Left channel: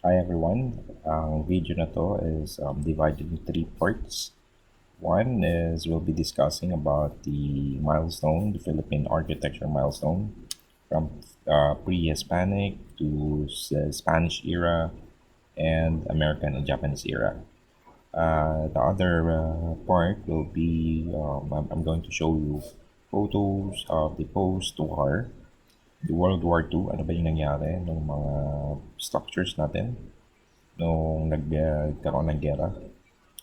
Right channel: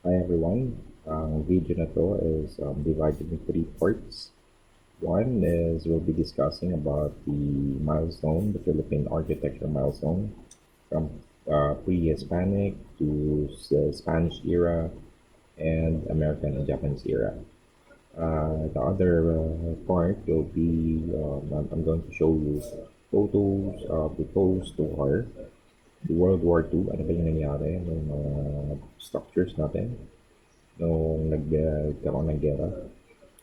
Hi everyone. Ang video na to is divided into three parts. One is we'll be discussing about the milestone, the Philippine architecture milestone, from pre-Hispanic to Spanish era and American and Japanese era. The other part will be I'm going to show you photos of the post-war, the World War II, ano ba yung nangyari ng mga structures natin nung nagkaroon ng gera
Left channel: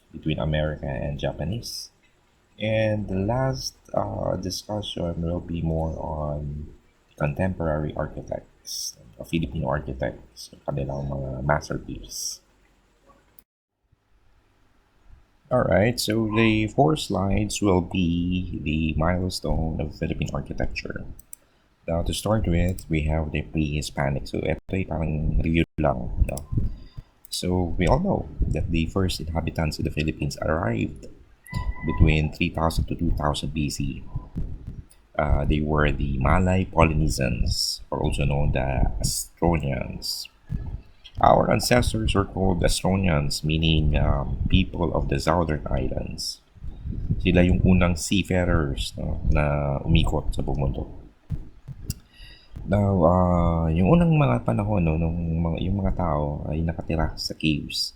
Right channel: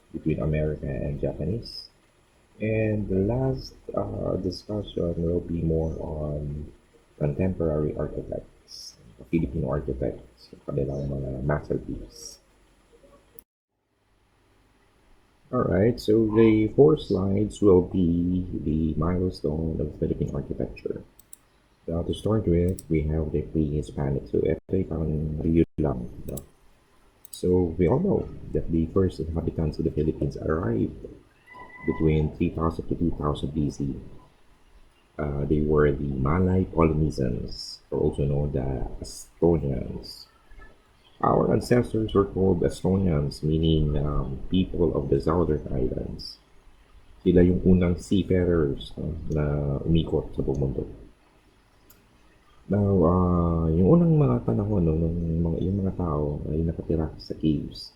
between America and Japanese. And the last discussion will be more on contemporary architects, Filipino architects, kanilang mga masterpiece. Alright, so the four slides will be the milestone of Philippine architecture. Now, to start with, we have the pre-Hispanic. So, ito ay parang review lang. No? So, we all know that the first inhabitants of the Philippines arrived between 3000 to 2000 BC. They were the Malay Polynesians, or also known as Astronians. Our ancestors were called Astronians, meaning people of the southern islands. Sila yung unang seafarers, no, na umikot sa buong mundo. Now, yung unang mga panahon, no, yung mga tao ay nakatira sa caves.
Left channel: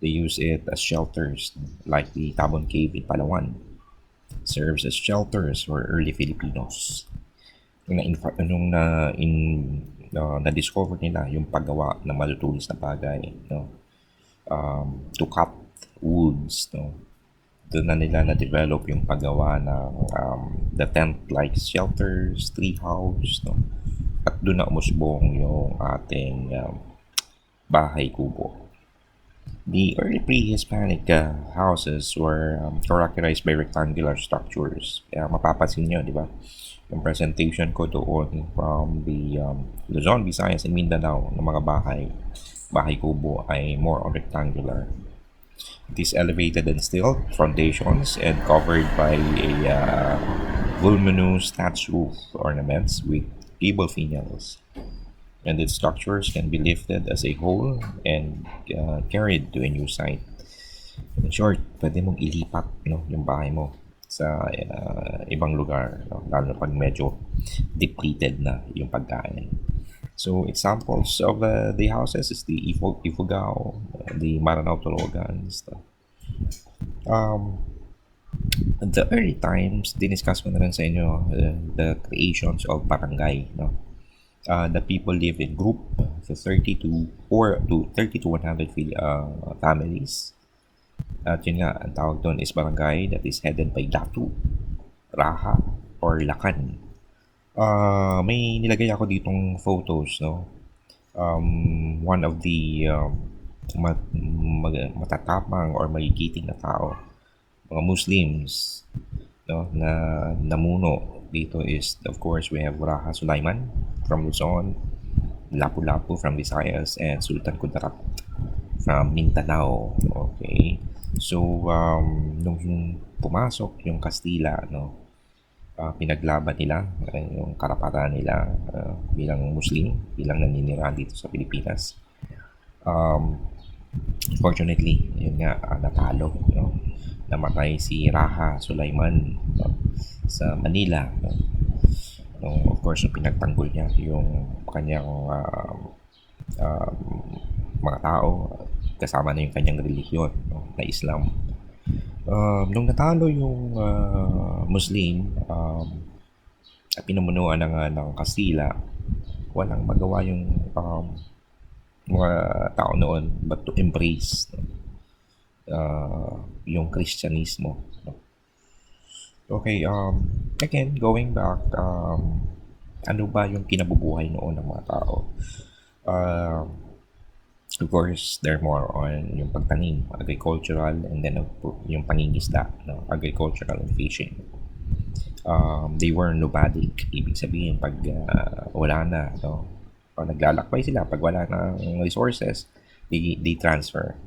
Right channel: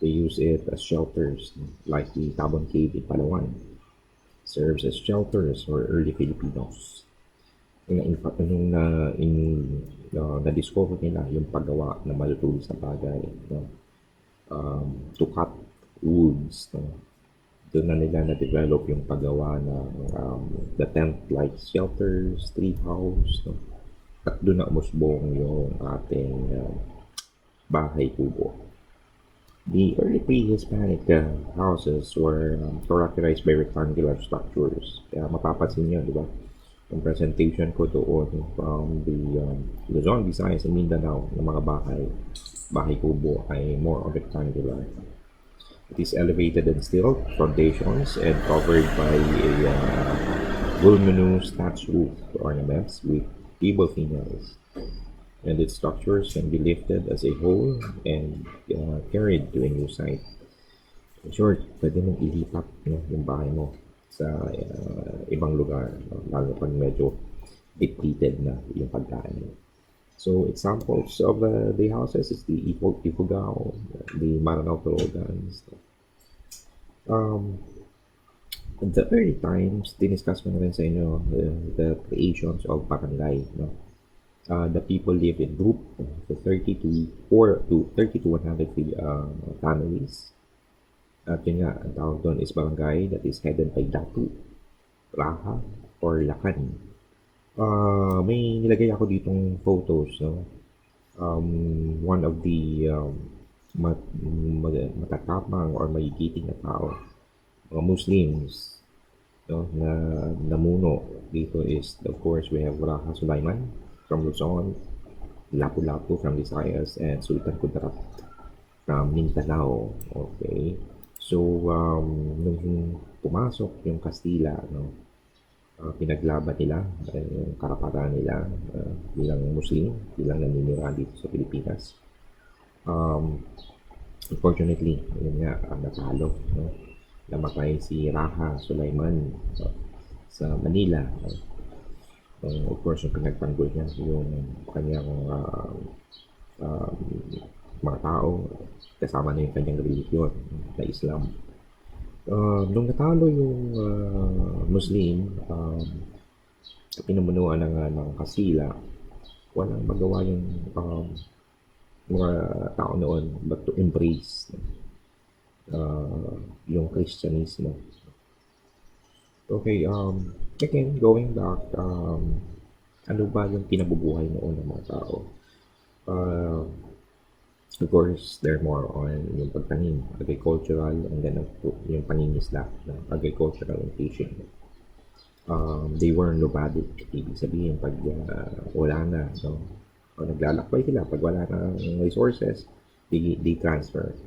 They use it as shelters, no, like the Tabon Cave in Palawan. Serves as shelters for early Filipinos. Nung na-discover nila yung paggawa ng malutulis na bagay, no? To cut woods, no? Doon na nila na-develop yung paggawa ng the tent-like shelters, tree house, no? At doon na umusbong yung ating bahay kubo. The early pre-Hispanic houses were characterized by rectangular structures. Kaya mapapansin nyo, di ba? Yung presentation ko doon from the Luzon, Visayas, and Mindanao ng mga bahay kubo ay more on rectangular. It is elevated and stilt foundations and covered by a voluminous thatched roof ornaments with gable finials. And its structures can be lifted as a whole and carried to a new site. In short, pwede mong ilipat, no, yung bahay mo sa ibang lugar, no? Lalo na pag medyo depleted na yung pagkain. So examples of the houses is the Ifugao, the Maranao Tulugan, stuff. The early times, diniscuss ko na rin sa inyo the creations of barangay, no? The people live in group, so 30 to 100 families. At yun nga, ang tawag doon is barangay that is headed by datu, raha, or lakan. May nilagay ako ditong photos, no? One of the matatapang or magigiting na tao, mga Muslims, no, na namuno dito is, of course, we have Raha Sulaiman from Luzon, Lapu-Lapu from Visayas, and Sultan Kudarat from Mindanao. Okay. So, nung pumasok yung Kastila, no, pinaglaban nila yung karapatan nila bilang Muslim, bilang naninirahan dito sa Pilipinas. Unfortunately, yun nga, natalo. No? Namatay si Raha Sulaiman, no, sa Manila. No? Of course, yung pinagtanggol niya yung kanyang uh, mga tao, kasama na yung kanyang relihiyon, no, na Islam. Nung natalo yung Muslim, pinumunuan ng Kastila, walang magawa yung mga tao noon but to embrace yung Kristyanismo. Okay, again, going back, ano ba yung kinabubuhay noon ng mga tao? Of course, they're more on yung pagtanim, agricultural, and then yung pangingisda, no? Agricultural and fishing. They were nomadic, ibig sabihin pag wala na, no? Pag naglalakbay sila, pag wala na resources, they transfer.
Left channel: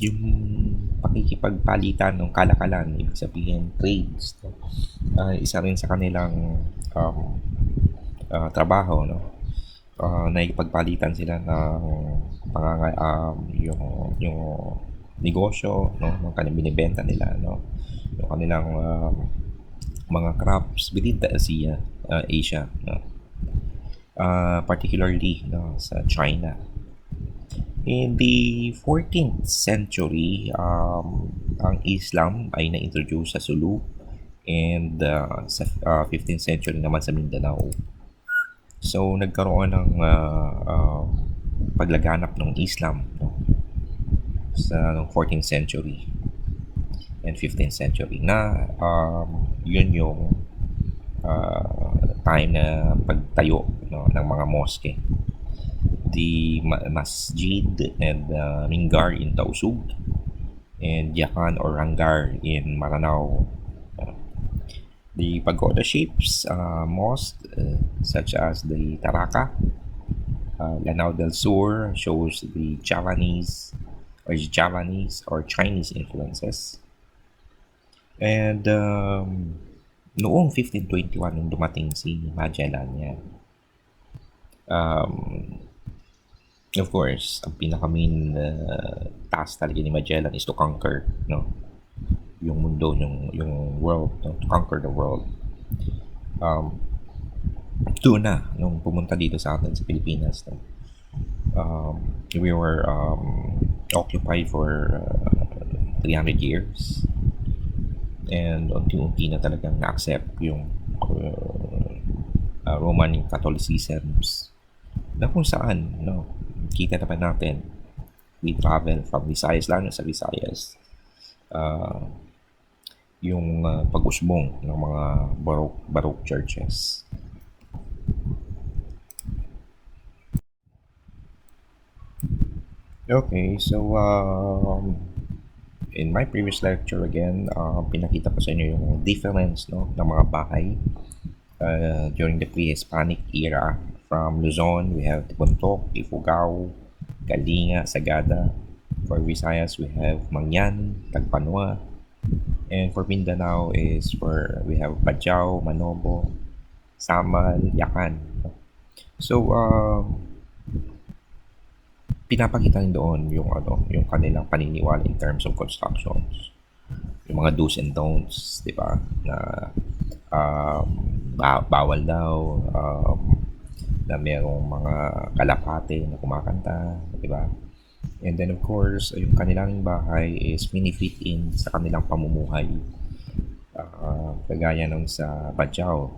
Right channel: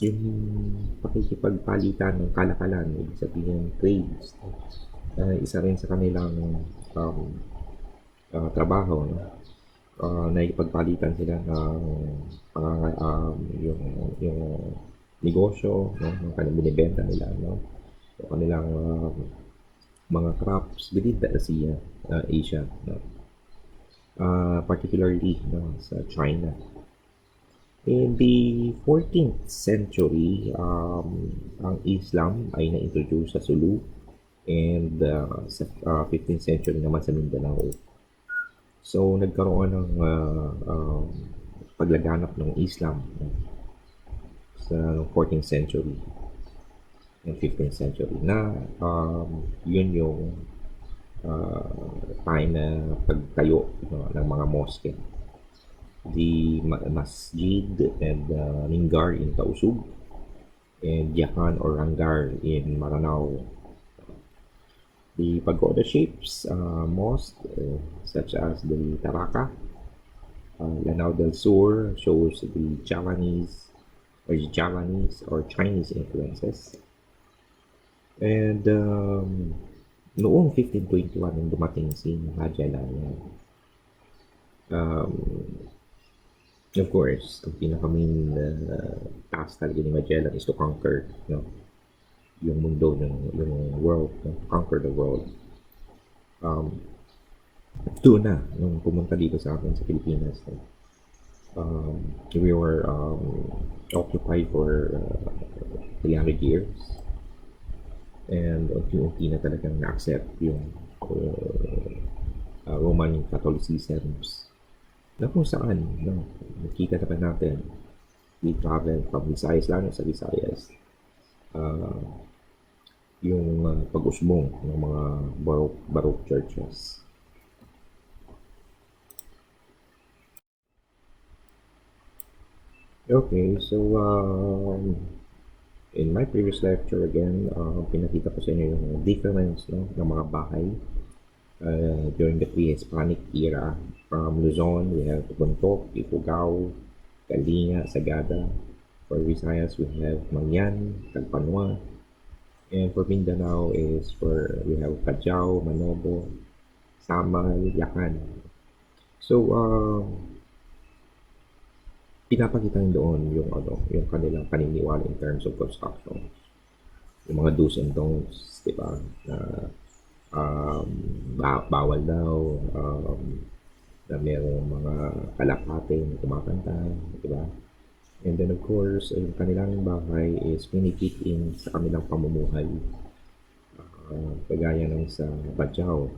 Yung pakikipagpalitan ng kalakalan, ibig sabihin trades, isa rin sa kanilang trabaho, no? nakikipagpalitan sila ng yung negosyo, no, ng kanilang binibenta nila, no, yung kanilang mga crops within the Asia, no, particularly, no, sa China. In the 14th century, ang Islam ay na-introduce sa Sulu, and sa 15th century naman sa Mindanao. So, nagkaroon ng paglaganap ng Islam, no, sa 14th century and 15th century na yun yung time na pagtayo, no, ng mga mosque. The Masjid and Mingar in Tausug, and Yakan or Rangar in Maranao. The pagoda shapes mosque such as the Taraka, Lanao del Sur shows the Javanese or Chinese influences. And noong 1521 nung dumating si Magellan, of course, ang pinaka-main task talaga ni Magellan is to conquer, no, yung mundo, yung world, no, to conquer the world. Doon na, nung pumunta dito sa atin sa Pilipinas, no, we were occupied for 300 years, and unti-unti na talagang na-accept yung Roman Catholicisms na kung saan, no, kita naman natin, we travel from Visayas, lalo sa Visayas, yung pag-usbong ng mga Baroque churches. Okay, so in my previous lecture again, pinakita ko sa inyo yung difference, no, ng mga bahay during the pre-hispanic era. From Luzon, we have Buntok, Ifugao, Kalinga, Sagada. For Visayas, we have Mangyan, Tagpanwa. And for Mindanao we have Bajau, Manobo, Samal, Yakan. So, pinapakita rin doon yung kanilang paniniwala in terms of constructions. Yung mga do's and don'ts, di ba? Na bawal daw, na merong mga kalapate na kumakanta, di ba? And then of course, yung kanilang bahay is minifit in sa kanilang pamumuhay. Kagaya nung sa Bajau,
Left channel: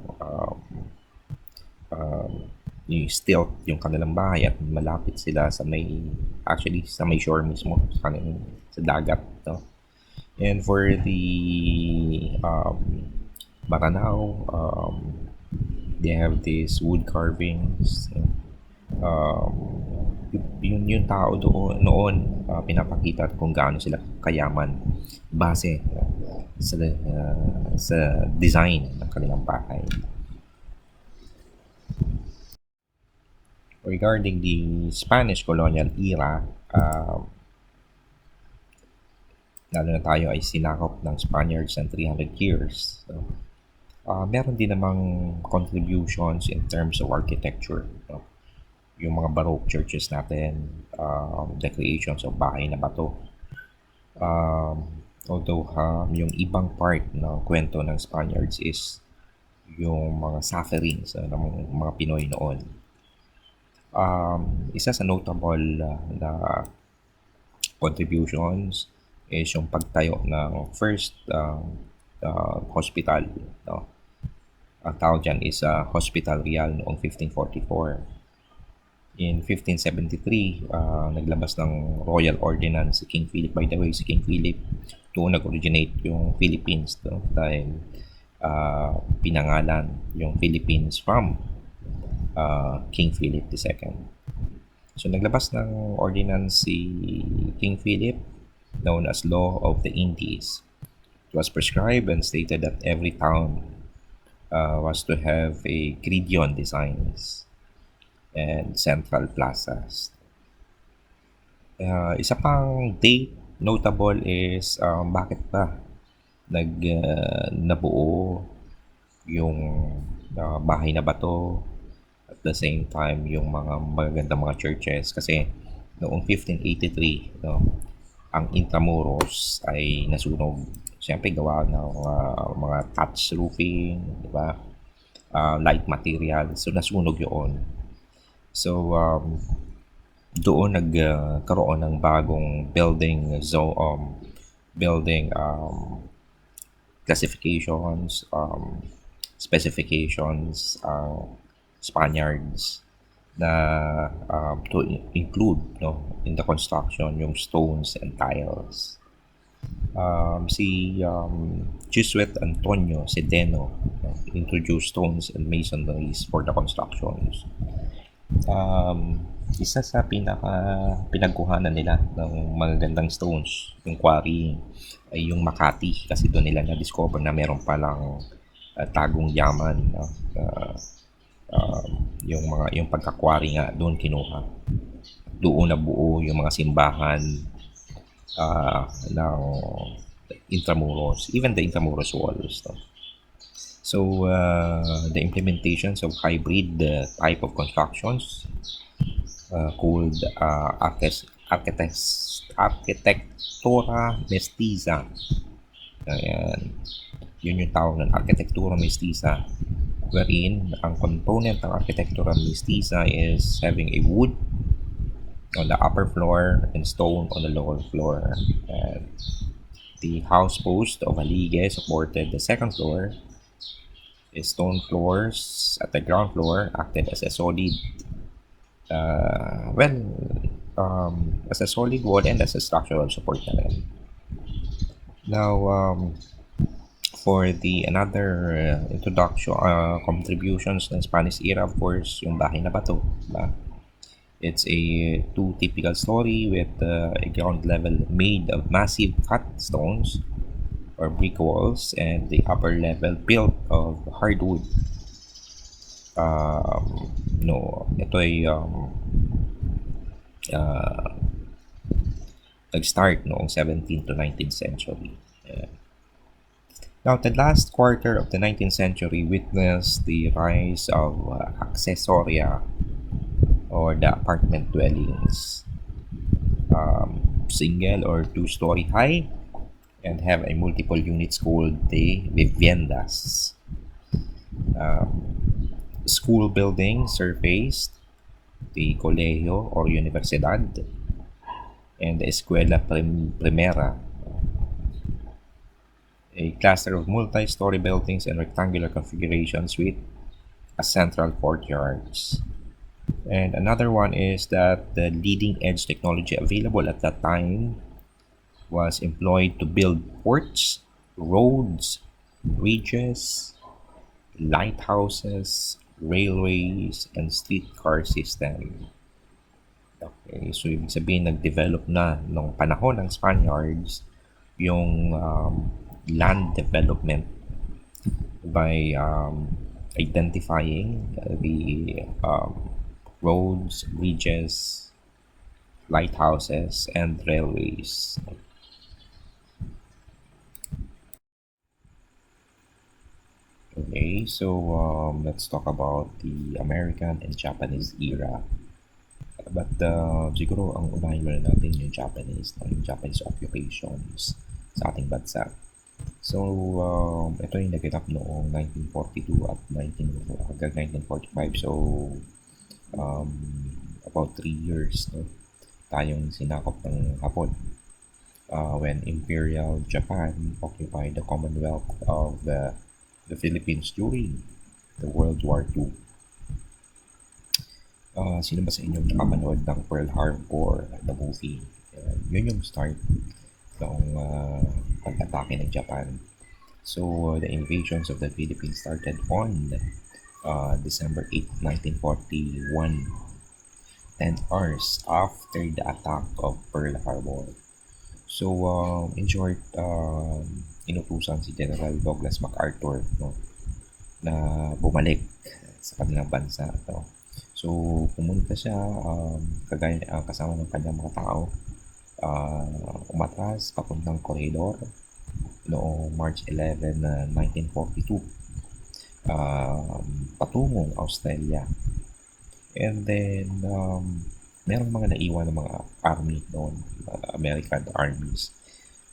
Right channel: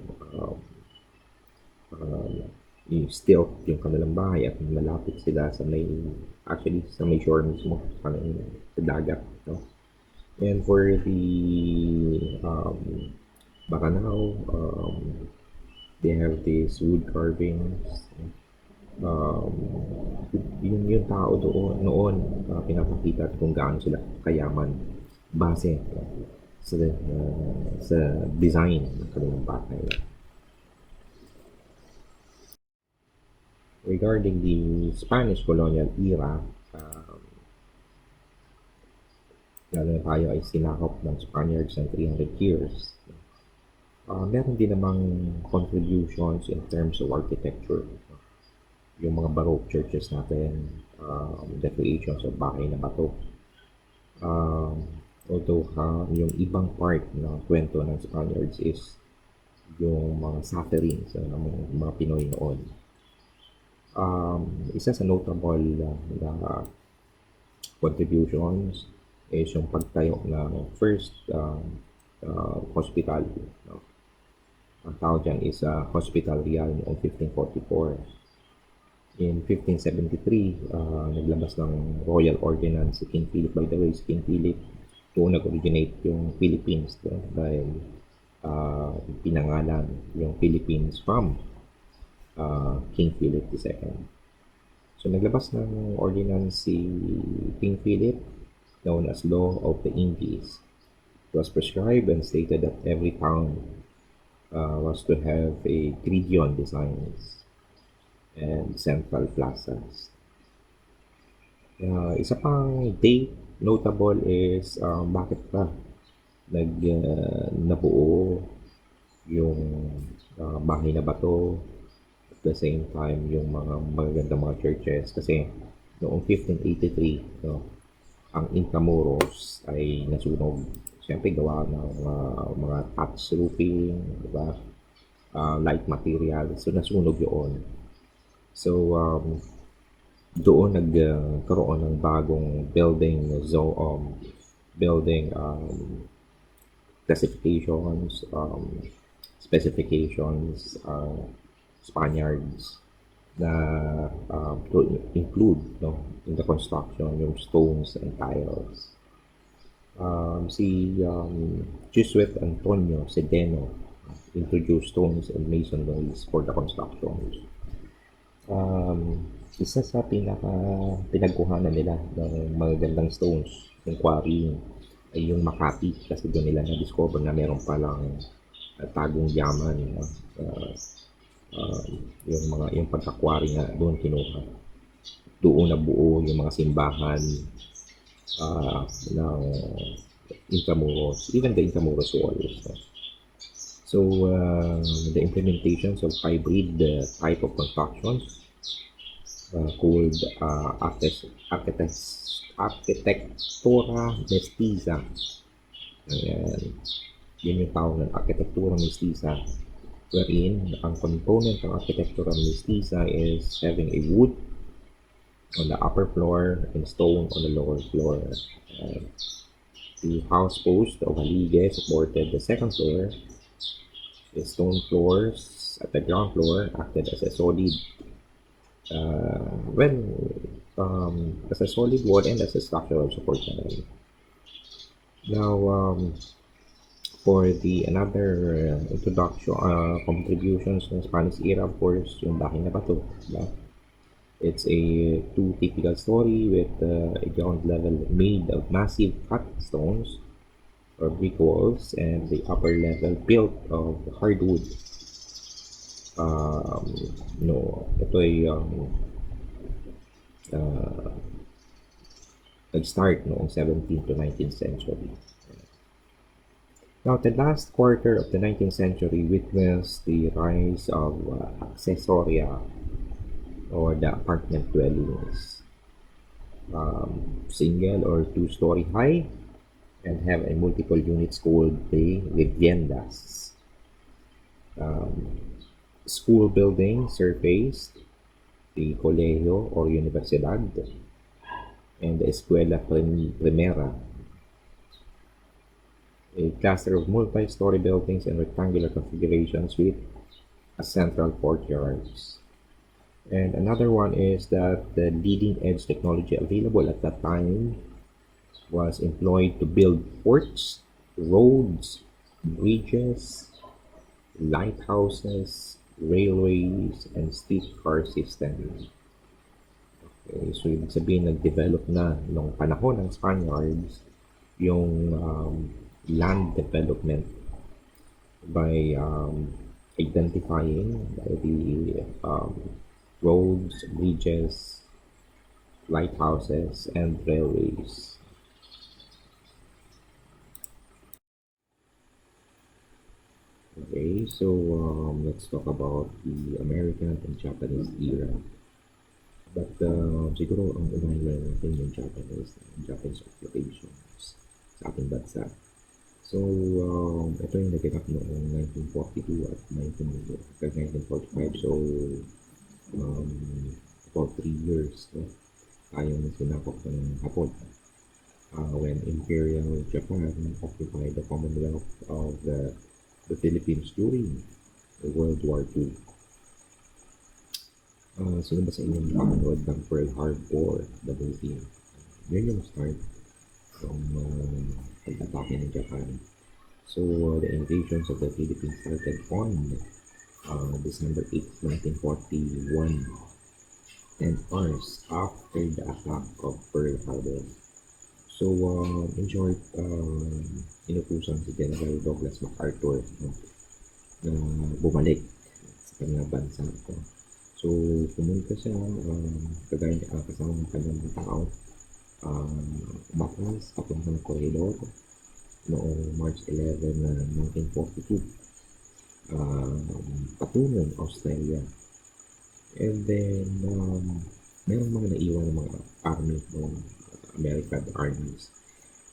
yung stilt yung kanilang bahay at malapit sila sa may shore mismo, sa dagat, no? And for the Maranao, they have these wood carvings. Yung tao noon, pinapakita kung gaano sila kayaman base sa design ng kanilang bahay. Regarding the Spanish colonial era, lalo na tayo ay sinakop ng Spaniards ng 300 years. So, meron din namang contributions in terms of architecture. No? Yung mga Baroque churches natin, the creations of bahay na bato. Although yung ibang part ng kwento ng Spaniards is yung mga sufferings ng mga Pinoy noon. Isa sa notable na contributions is yung pagtayo ng first hospital, no? Ang tawag dyan is Hospital Real noong 1544. In 1573, naglabas ng Royal Ordinance si King Philip. By the way, si King Philip, doon nag-originate yung Philippines, no? Dahil pinangalan yung Philippines from King Philip II. So naglabas ng ordinance si King Philip known as Law of the Indies. It was prescribed and stated that every town was to have a gridiron designs and central plazas. Isa pang date notable is bakit pa nabuo yung bahay na bato at the same time yung mga magagandang mga churches kasi noong 1583 no, ang Intramuros ay nasunog. Siyempre gawa ng mga thatch roofing, di ba? Light material. So nasunog yun. So doon nagkaroon ng bagong building classifications, specifications, Spaniards na to include no, in the construction yung stones and tiles. Si Jesuit Antonio Sedeno introduced stones and masonries for the constructions. Isa sa pinagkuhanan nila ng magagandang stones, yung quarry, ay yung Makati kasi doon nila na-discover na meron palang tagong yaman. Yung pagkakwari nga doon kinuha. Doon nabuo yung mga simbahan ng Intramuros, even the Intramuros walls. No? So, the implementations of hybrid type of constructions called architectura mestiza. Ayan. Yun yung tawag ng architectura mestiza, wherein ang component ng architectura mestiza is having a wood on the upper floor and stone on the lower floor. And the house post of Alige supported the second floor. Stone floors at the ground floor acted as a solid as a solid wall and as a structural support na rin. Now, for the another introduction, contributions ng Spanish era, of course, yung bahay na bato. Diba? It's a two typical story with a ground level made of massive cut stones or brick walls and the upper level built of hardwood. Ito ay nag-start noong 17th to 19th century. Now, the last quarter of the 19th century witnessed the rise of accessoria or the apartment dwellings, single or two-story high, and have a multiple units called the viviendas. School buildings surfaced, the colegio or universidad, and the escuela primera, a cluster of multi-story buildings and rectangular configurations with a central courtyards. And another one is that the leading edge technology available at that time was employed to build ports, roads, bridges, lighthouses, railways, and streetcar system. Okay, so ibig sabihin nag-develop na nung panahon ng Spaniards yung land development by identifying the roads, bridges, lighthouses, and railways. Okay, so let's talk about the American and Japanese era. But siguro ang unahin muna natin yung Japanese occupations sa ating bansa. So, ito yung naganap noong 1942 at 1945. So, about 3 years tayong sinakop ng Hapon when Imperial Japan occupied the Commonwealth of the Philippines during the World War II. Sino ba sa inyo nakapanood ng Pearl Harbor, the movie? Yun yung start ng pag-atake ng Japan. So, the invasions of the Philippines started on December 8, 1941, 10 hours after the attack of Pearl Harbor. So, in short, inutusan si General Douglas MacArthur na bumalik sa kanilang bansa. So, pumunta siya kasama ng kanyang mga tao, umatras papuntang koridor noong March 11, 1942, patungong Australia. And then, merong mga naiwan ng mga army noon, American armies,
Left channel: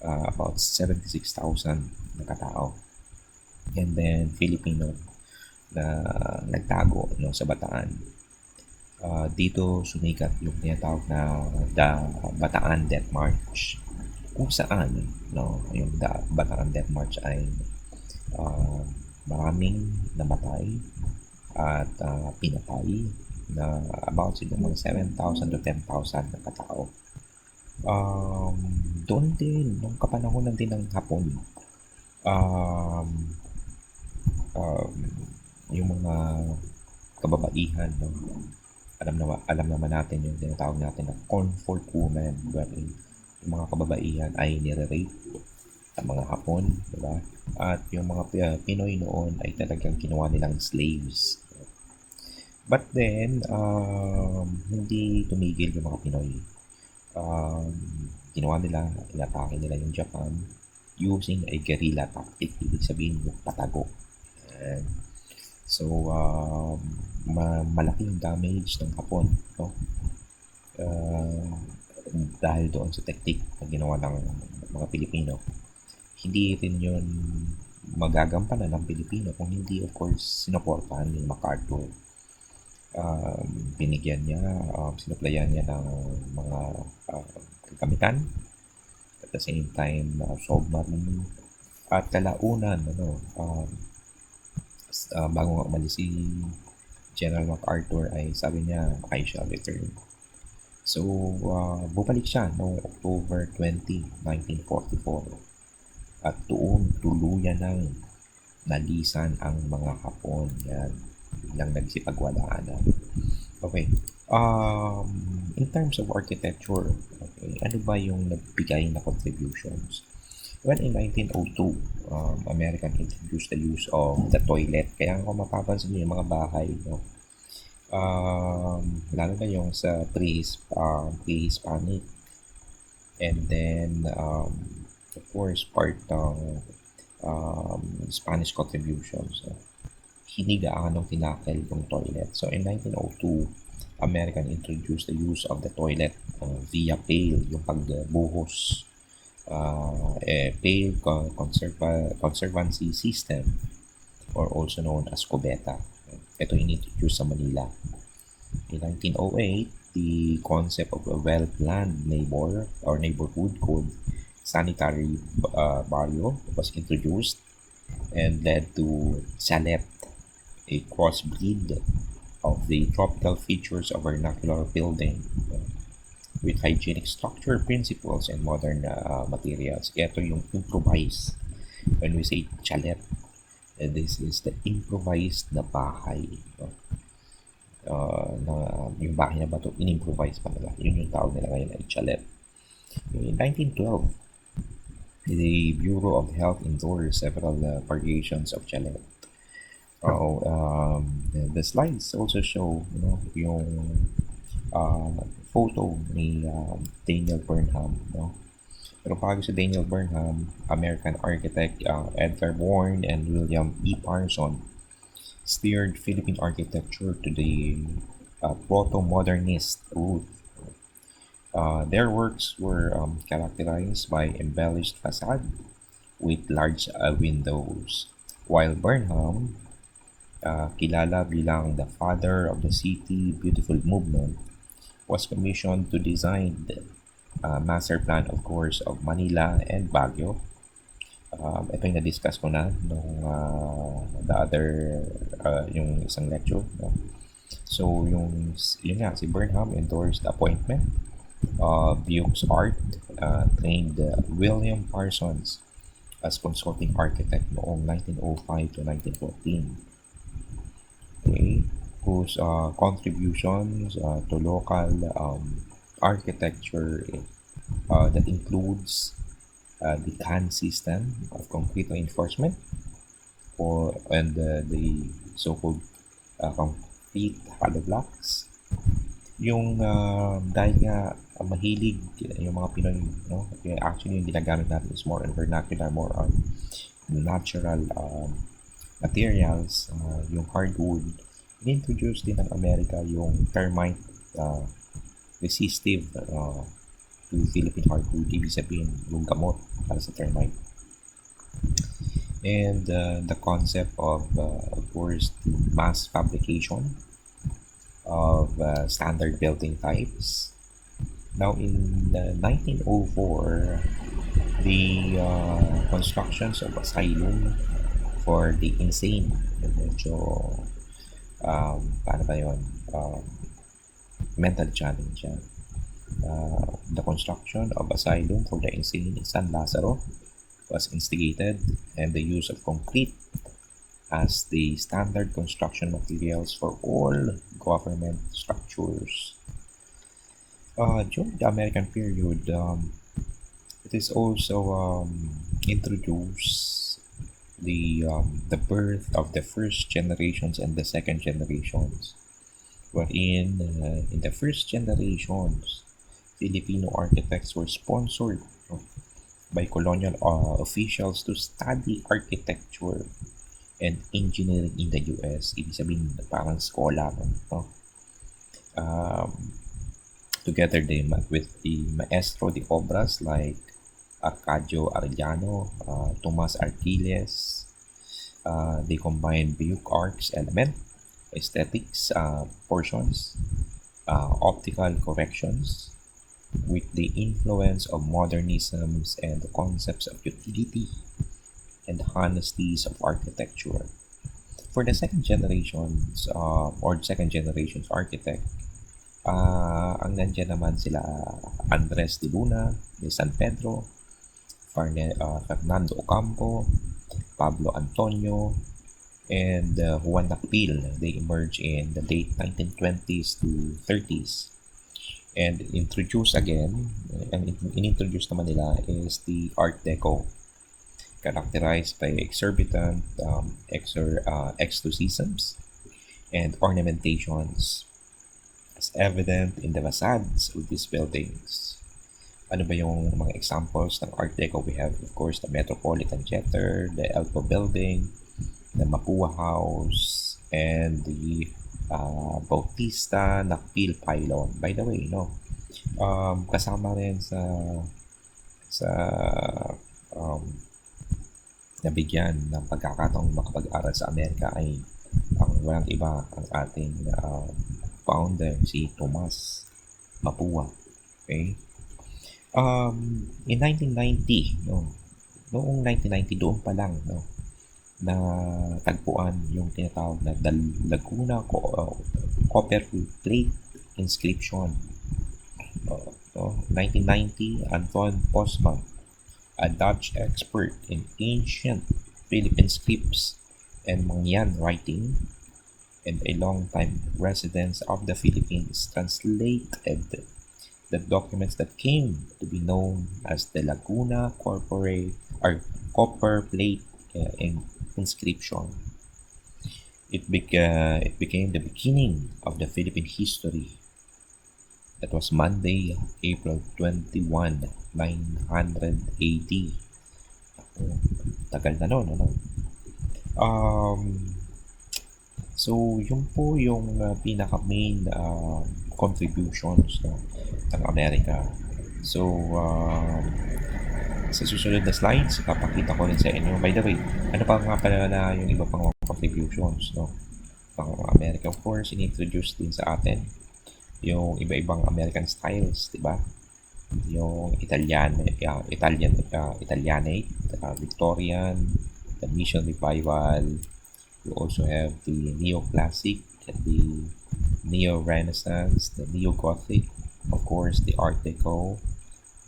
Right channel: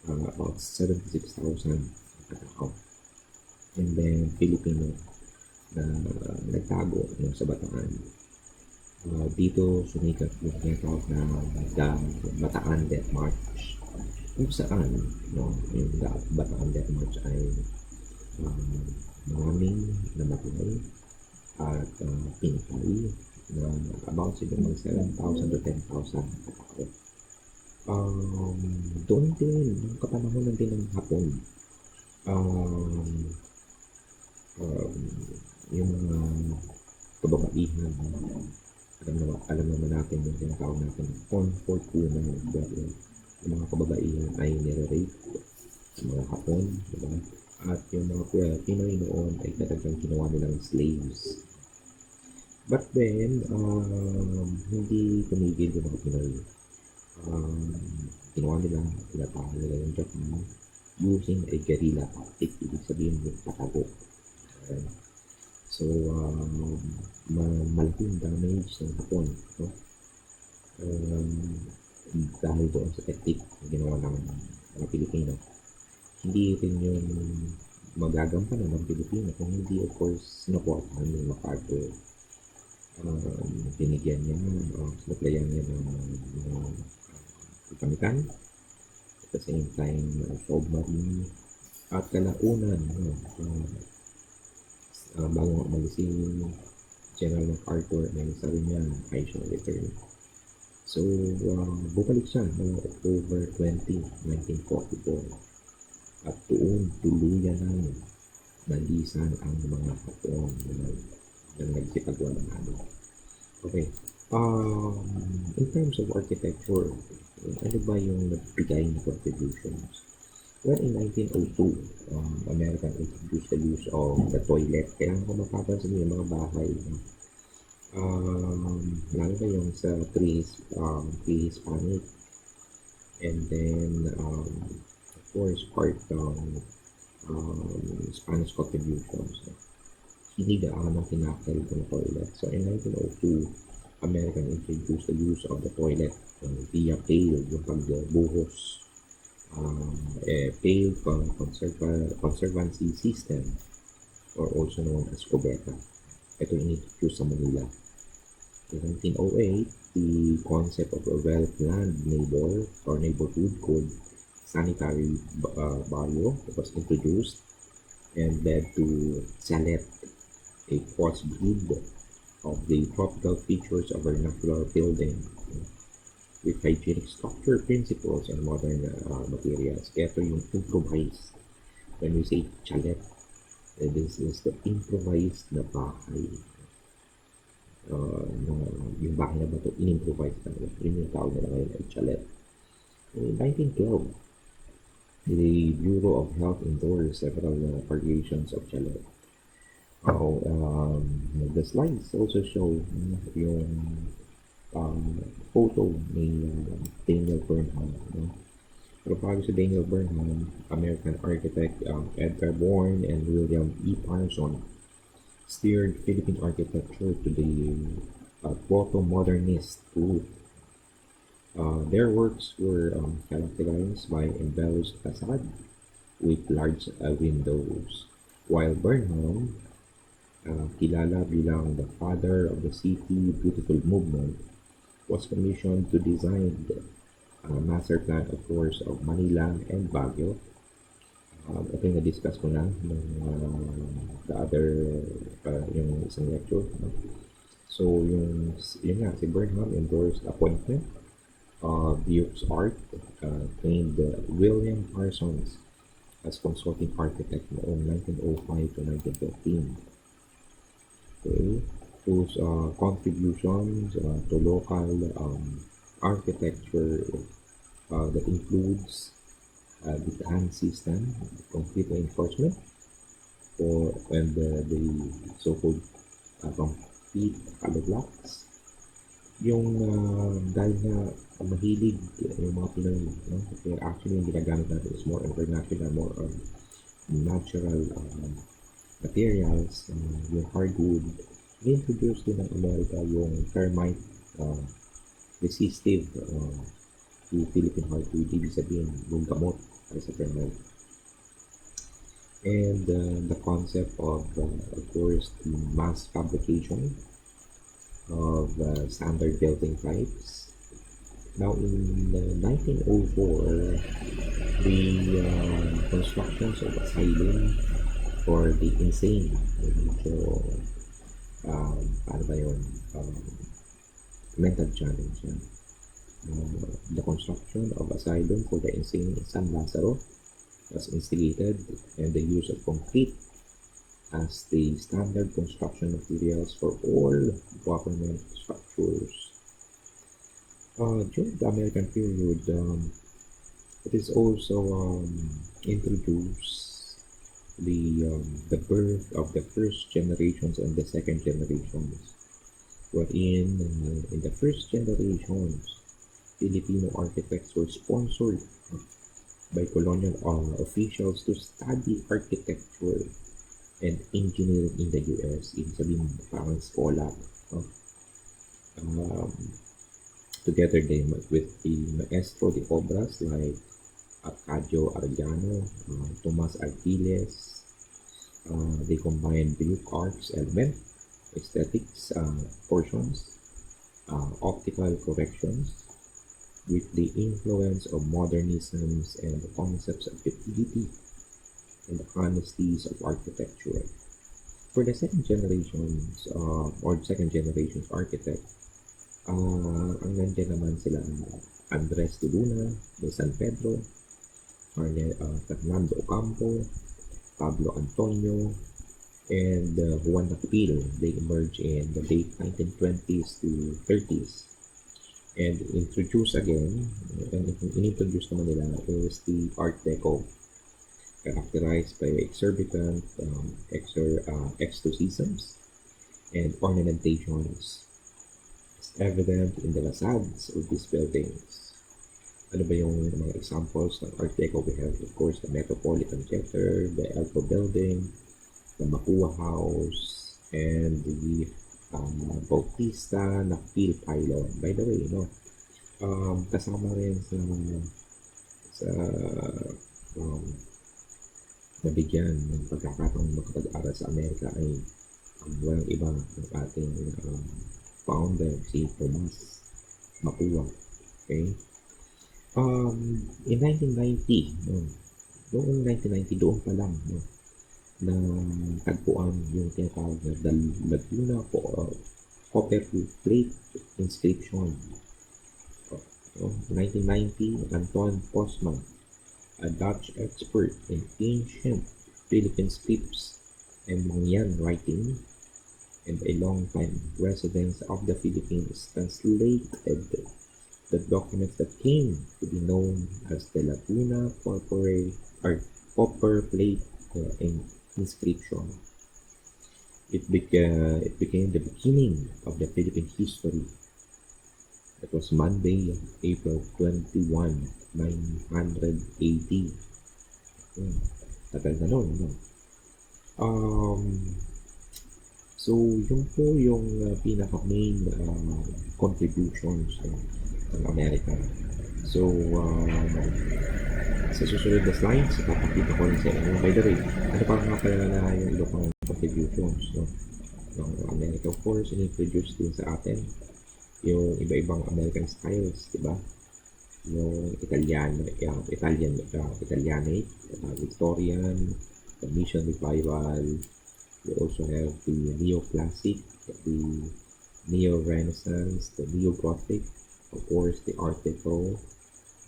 about 76,000 na katao. And then, Filipino na nagtago no, sa Bataan. Dito sumikat yung tinatawag na the Bataan Death March, kung saan no, yung Bataan Death March ay uh, maraming namatay at pinatay na about siguro mga 7,000 to 10,000 na katao. Doon din, nung kapanahonan din ng Hapon, um, um, yung mga kababaihan, no? Alam naman natin yung tinatawag natin na comfort woman, wherein yung mga kababaihan ay nire-rape sa mga Hapon, di ba? At yung mga Pinoy noon ay talagang kinuha nilang slaves. But then, hindi tumigil yung mga Pinoy. Ginawa nila, inatake nila yung Japan using a guerrilla tactic, ibig sabihin yung patago. And so, malaki yung damage ng Hapon, no? Dahil doon sa technique na ginawa ng mga Pilipino. Hindi rin yun magagampanan ng Pilipino kung hindi, of course, sinuportahan ni MacArthur. Binigyan niya, sinaplayan niya ng mga kagamitan, at the same time, submarine, at kalaunan, bago nga umalis si General MacArthur ay sabi niya, I shall return. So, bumalik siya noong October 20, 1944. At doon tuluyan ng nalisan ang mga Hapon. Yan, lang nagsipagwalaan. Okay. In terms of architecture, okay, ano ba yung nagbigay na contributions? Well, in 1902, American introduced the use of the toilet. Kaya kung mapapansin mo yung mga bahay, no? Lalo na yung sa pre-hispanic, and then of course part ng Spanish contributions, hindi gaano tinakil yung toilet. So in 1902, American introduced the use of the toilet via pail, yung pagbuhos, pail conservancy system, or also known as cubeta. Ito in-introduce sa Manila. In 1908, the concept of a well-planned neighborhood called sanitary barrio was introduced and led to chalet, a crossbreed of the tropical features of vernacular building with hygienic structure principles and modern materials. Ito yung improvise. When we say chalet, this is the improvised na bahay. Na yung bahay na ba ito, in-improvise pa nila. Yun yung tawag nila ngayon ay chalet. In 1912, the Bureau of Health endorsed several variations of chalet. The slides also show yung photo ni Daniel Burnham. Pero bago si Daniel Burnham, American architect Edgar Bourne and William E. Parson steered Philippine architecture to the proto-modernist route. Their works were characterized by embellished facade with large windows, while Burnham, kilala bilang the father of the City Beautiful movement, was commissioned to design the master plan, of course, of Manila and Baguio. Ito yung na-discuss ko na nung yung isang lecture. So, yun nga, si Burnham endorsed the appointment of Buick's Art, trained William Parsons as consulting architect noong 1905 to 1914. Okay, whose contributions to local architecture that includes the CAN system of concrete reinforcement, and the so-called complete hollow blocks. Yung dahil nga mahilig yung mga Pinoy, actually yung ginagamit natin is more on vernacular, more on natural materials, yung hardwood, introduce din ng Amerika yung termite uh, resistive to Philippine hardwood. Ibig sabihin, yung gamot para sa termite. And the concept of course, the mass fabrication of standard building types. Now, in 1904, the constructions of asylum for the insane, medyo, paano ba yun, mental challenge yan. The construction of asylum for the insane in San Lazaro was instigated, and the use of concrete as the standard construction materials for all government structures. During the American period, it is also introduced the birth of the first generations and the second generations, wherein in the first generations, Filipino architects were sponsored by colonial officials to study architecture and engineering in the US. Ibig sabihin, parang scholar. No? Together with the maestro de obras like Arcadio Arellano, Tomas Arquiles. They combine Baroque arts element, aesthetics portions, optical corrections, with the influence of modernisms and the concepts of utility and honesties of architecture. For the second generations or second generations architect, ang nandiyan naman sila Andres de Luna de San Pedro, Fernando Ocampo, Pablo Antonio, and Juan Nakpil. They emerged in the late 1920s to 30s. And introduced again, ang inintroduce naman nila is the Art Deco, characterized by exorbitant exorcisms and ornamentations, as evident in the facades of these buildings. Ano ba yung mga examples ng Art Deco? We have, of course, the Metropolitan Theater, the Elpo Building, the Mapua House, and the Bautista Nakpil Pylon. By the way, no, kasama rin sa nabigyan ng pagkakataong makapag-aral sa Amerika ay ang walang iba ang ating founder, si Tomas Mapua. Okay? In 1990, no, noong 1990, doon pa lang, no, na tagpuan yung tinatawag na Laguna copper plate inscription. 1990, Anton Postman, a Dutch expert in ancient Philippine scripts and Mangyan writing, and a long-time resident of the Philippines, translated the documents that came to be known as the Laguna copper plate inscription. It became the beginning of the Philippine history. That was Monday, April 21, 980. Tagal na nun, ano? So, yun po yung pinaka-main contributions ng Amerika. So, sa susunod na slides, ipapakita ko rin sa inyo. By the way, ano pa nga pala na yung iba pang contributions ng Amerika? Of course, in-introduce din sa atin yung iba-ibang American styles, di ba? Yung Italianate, Victorian, the Mission Revival. You also have the Neoclassic, the Neo-Renaissance, the Neo-Gothic, of course, the Art Deco,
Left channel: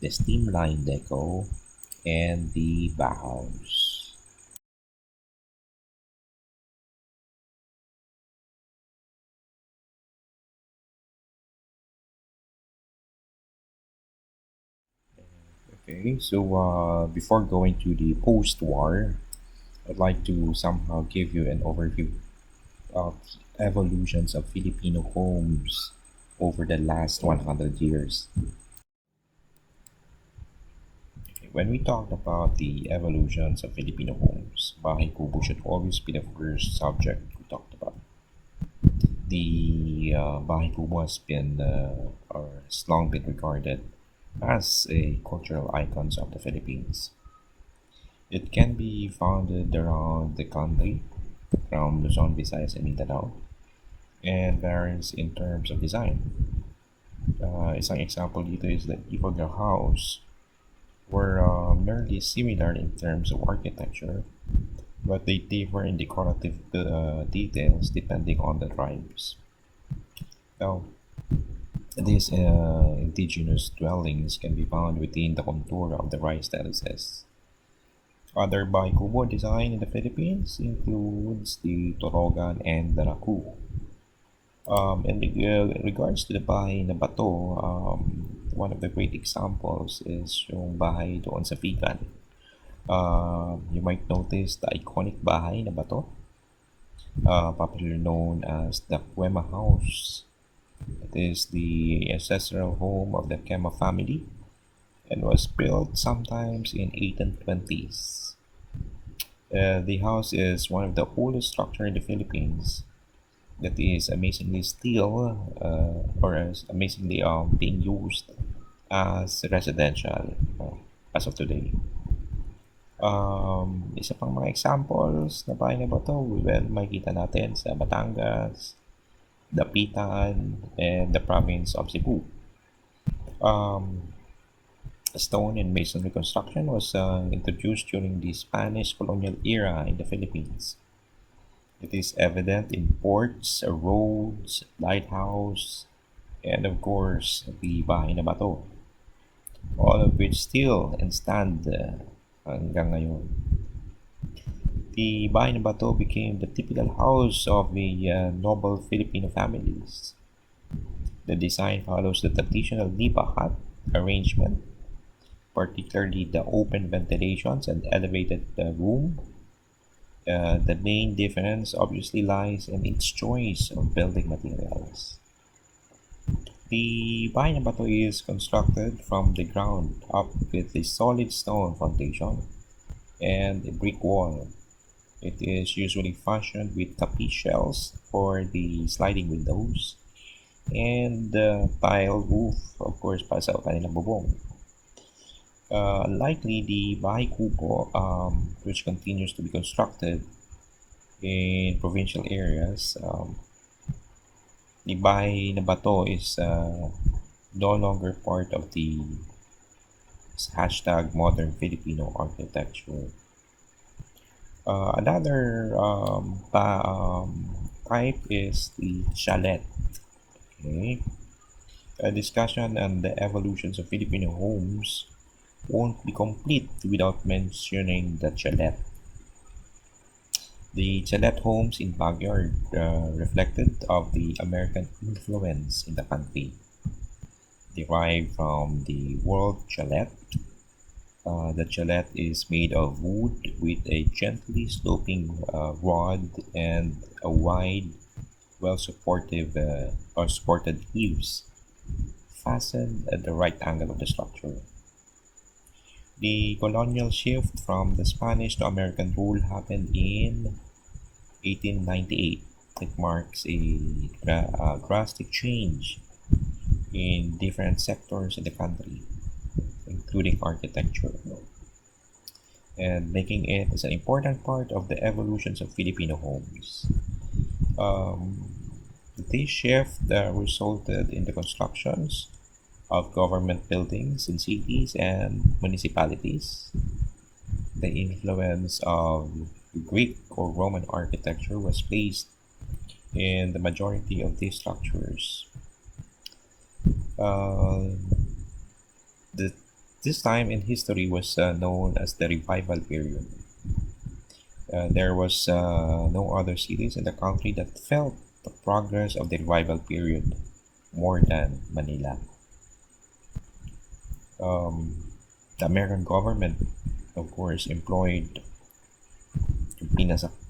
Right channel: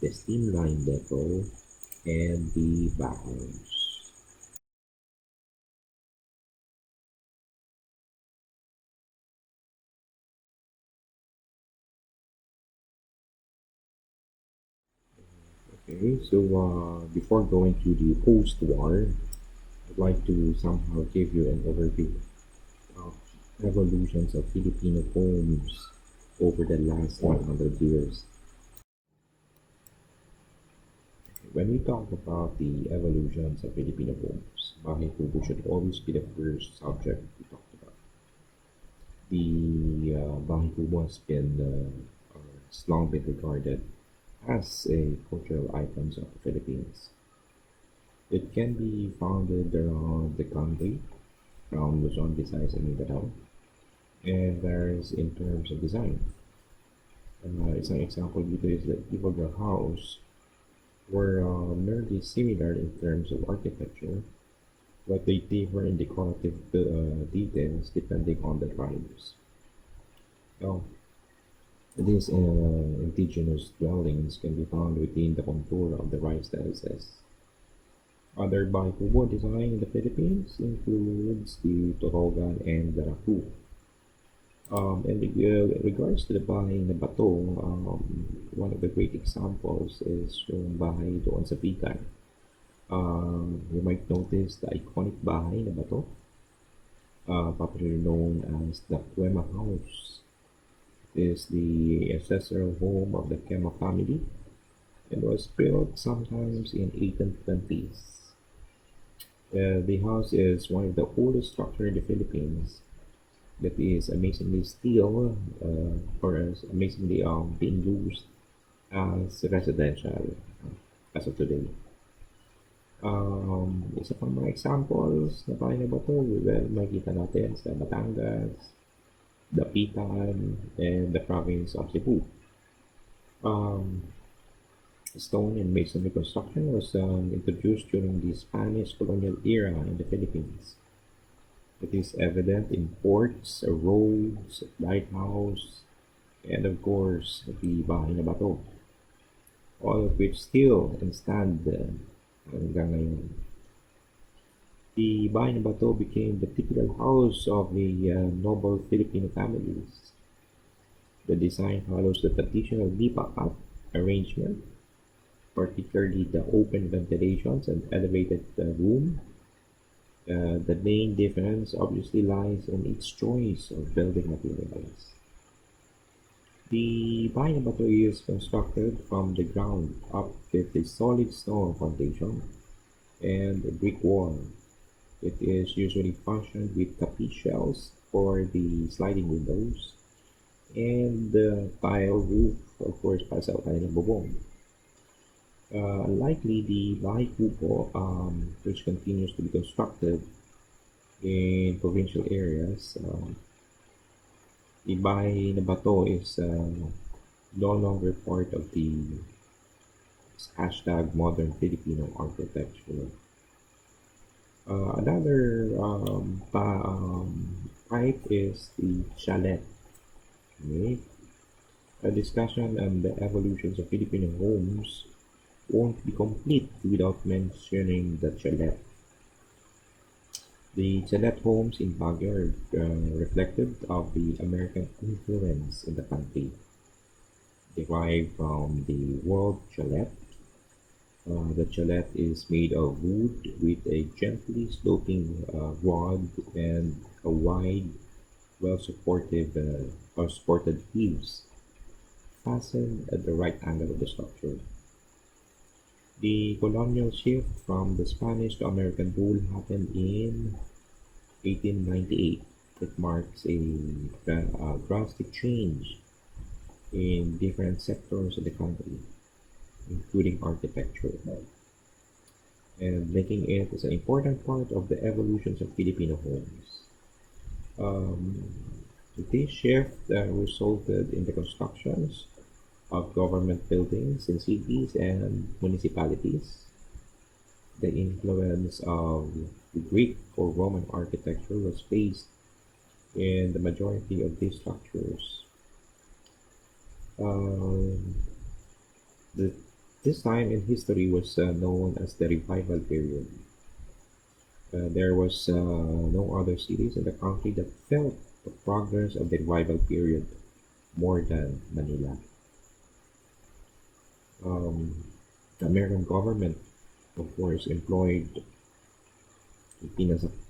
the Streamline Deco, and the Bauhaus. Okay, so before going to the post-war, I'd like to somehow give you an overview of evolutions of Filipino homes over the last 100 years. When we talk about the evolutions of Filipino homes, bahay kubo should always be the first subject we talked about. The Bahay Kubo has been, or has long been regarded as a cultural icons of the Philippines. It can be found around the country, from Luzon, Visayas, and Mindanao, and varies in terms of design. Isang example dito is the Ibaga House, were merely similar in terms of architecture, but they differ in decorative details depending on the tribes. Now, these indigenous dwellings can be found within the contour of the rice terraces. Other Baikubo design in the Philippines includes the Torogan and the Raku. In regards to the bahay na bato, one of the great examples is yung bahay doon sa Pican. You might notice the iconic bahay na bato, popularly known as the Cuema House. It is the ancestral home of the Quema family and was built sometimes in 1820s. The house is one of the oldest structure in the Philippines that is amazingly still or is amazingly being used as residential as of today. Isa pang mga examples na bahay na bato, well, makikita natin sa Batangas, Dapitan, and the province of Cebu. Um, Stone and masonry construction was introduced during the Spanish colonial era in the Philippines. It is evident in ports, roads, lighthouse, and of course the Bahay na Bato, all of which still and stand hanggang ngayon. The Bahay na Bato became the typical house of the noble Filipino families. The design follows the traditional nipa hut arrangement, particularly the open ventilations and elevated room. The main difference obviously lies in its choice of building materials. The Bahay na Bato is constructed from the ground up with a solid stone foundation and a brick wall. It is usually fashioned with tapis shells for the sliding windows and the tile roof, of course, para sa kanilang bubong. Likely, the Bahay Kubo, which continues to be constructed in provincial areas, the Bahay na Bato is no longer part of the hashtag modern Filipino architecture. Another type is the chalet. Okay? A discussion on the evolutions of Filipino homes won't be complete without mentioning the chalet. The chalet homes in Baguio are reflected of the American influence in the country, derived from the word chalet. The chalet is made of wood with a gently sloping rod and a wide, well-supported or supported eaves fastened at the right angle of the structure. The colonial shift from the Spanish to American rule happened in 1898. It marks a drastic change in different sectors of the country, including architecture, and making it as an important part of the evolutions of Filipino homes. Um, this shift resulted in the constructions of government buildings in cities and municipalities. The influence of Greek or Roman architecture was placed in the majority of these structures. Uh, the, this time in history was known as the revival period. There was no other cities in the country that felt the progress of the revival period more than Manila. The American government, of course, employed yung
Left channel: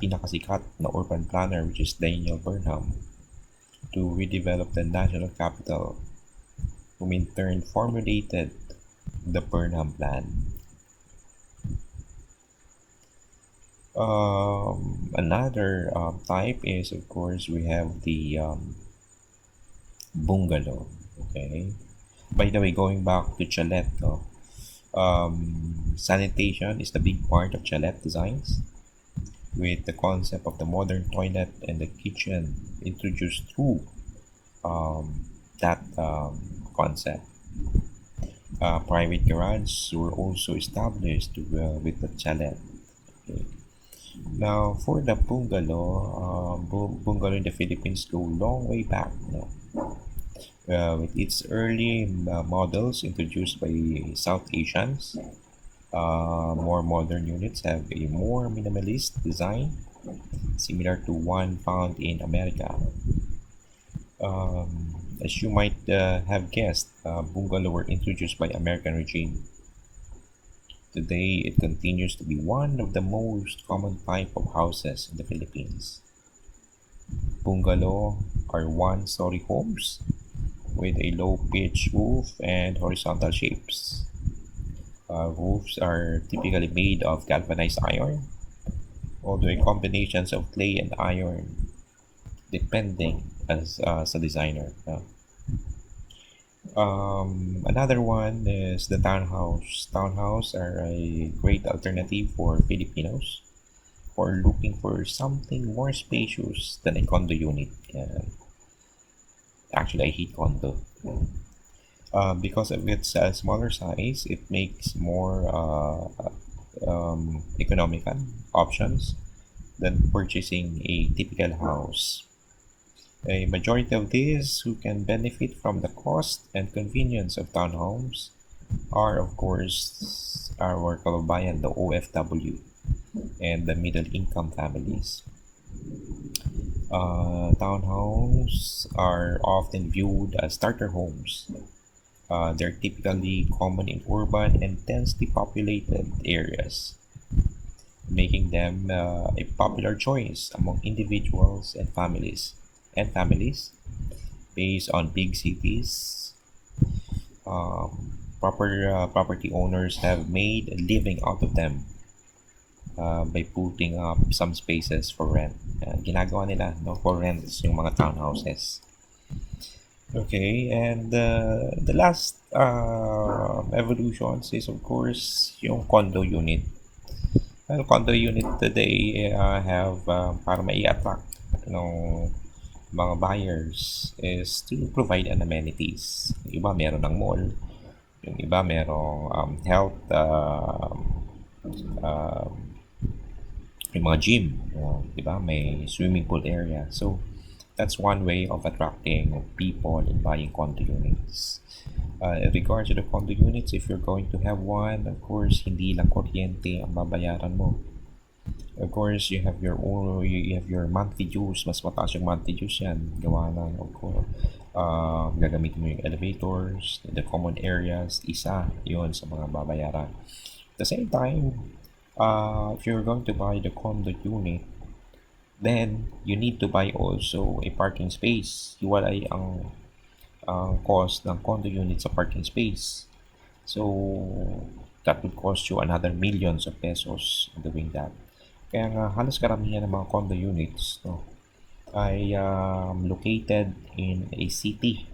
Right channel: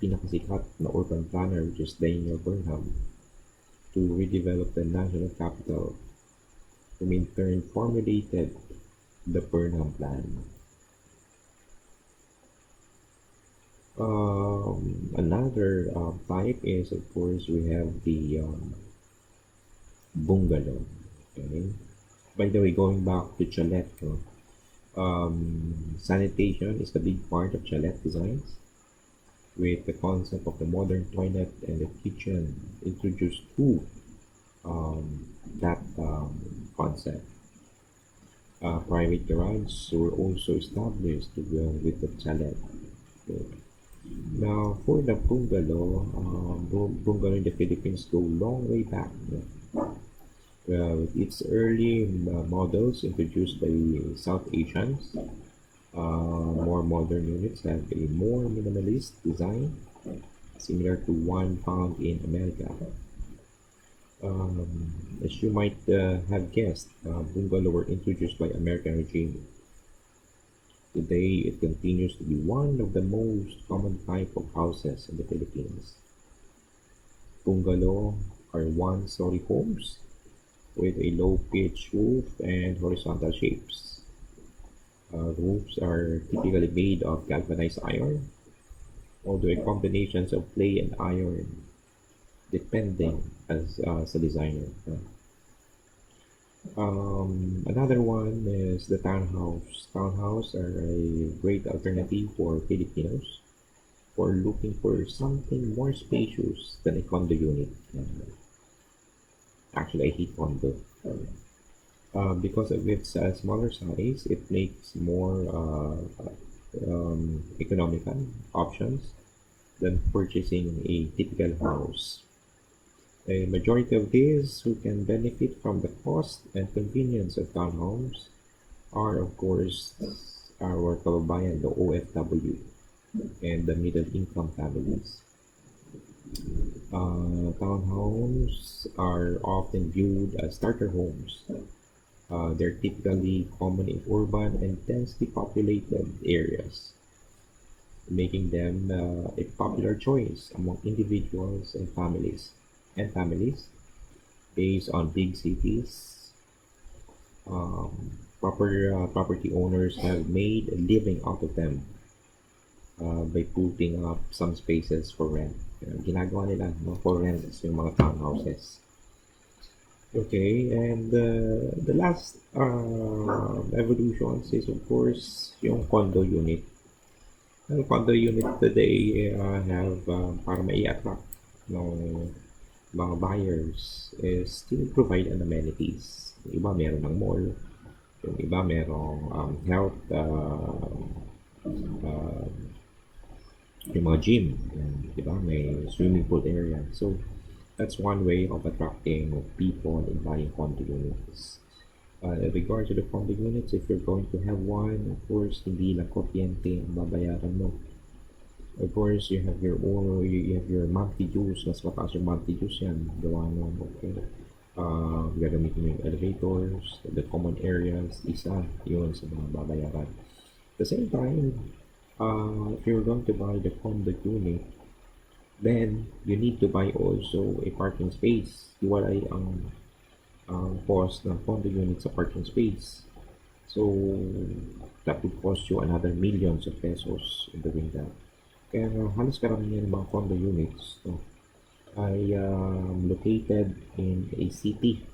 pinakasikat na urban planner, which is Daniel Burnham, to redevelop the national capital, whom in turn formulated the Burnham Plan. Another type is, of course, we have the bungalow. Okay. By the way, going back to chalet, no, sanitation is the big part of chalet designs, with the concept of the modern toilet and the kitchen introduced through that concept. Private garages were also established with the chalet. Okay. Now, for the bungalow, bungalow in the Philippines go long way back. No? With its early models introduced by South Asians, more modern units have a more minimalist design, similar to one found in America. As you might have guessed, bungalow were introduced by American regime. Today, it continues to be one of the most common type of houses in the Philippines. Bungalow are one-story homes with a low pitch roof and horizontal shapes. Roofs are typically made of galvanized iron, although a combinations of clay and iron, depending as a designer. Another one is the townhouse. Townhouse are a great alternative for Filipinos who are looking for something more spacious than a condo unit. Actually, I hate condo. Because of its smaller size, it makes more economical options than purchasing a typical house. A majority of these who can benefit from the cost and convenience of townhomes are, of course, our kababayan, the OFW, and the middle income families. Townhomes are often viewed as starter homes. They're typically common in urban and densely populated areas, making them a popular choice among individuals and families based on big cities. Property owners have made a living out of them by putting up some spaces for rent. Ginagawa nila, no, for rent yung mga townhouses. Okay, and the last evolutions is, of course, yung condo unit. Well, condo unit today have para mai-attract ng mga buyers is to provide an amenities. Yung iba meron ng mall, yung iba merong health, uh, yung mga gym, di ba? May swimming pool area. So, that's one way of attracting people in buying condo units. In regards to the condo units, if you're going to have one, of course, hindi lang kuryente ang babayaran mo. Of course, you have your own, you have your monthly dues. Mas mataas yung monthly dues yan. Gawa lang, of course. Gagamitin mo yung elevators, the common areas, isa yun sa mga babayaran. At the same time, if you're going to buy the condo unit, then you need to buy also a parking space. Hiwalay ang cost ng condo unit sa parking space. So, that would cost you another millions of pesos in doing that. Kaya nga, halos karamihan ng mga condo units, no, ay located in a city,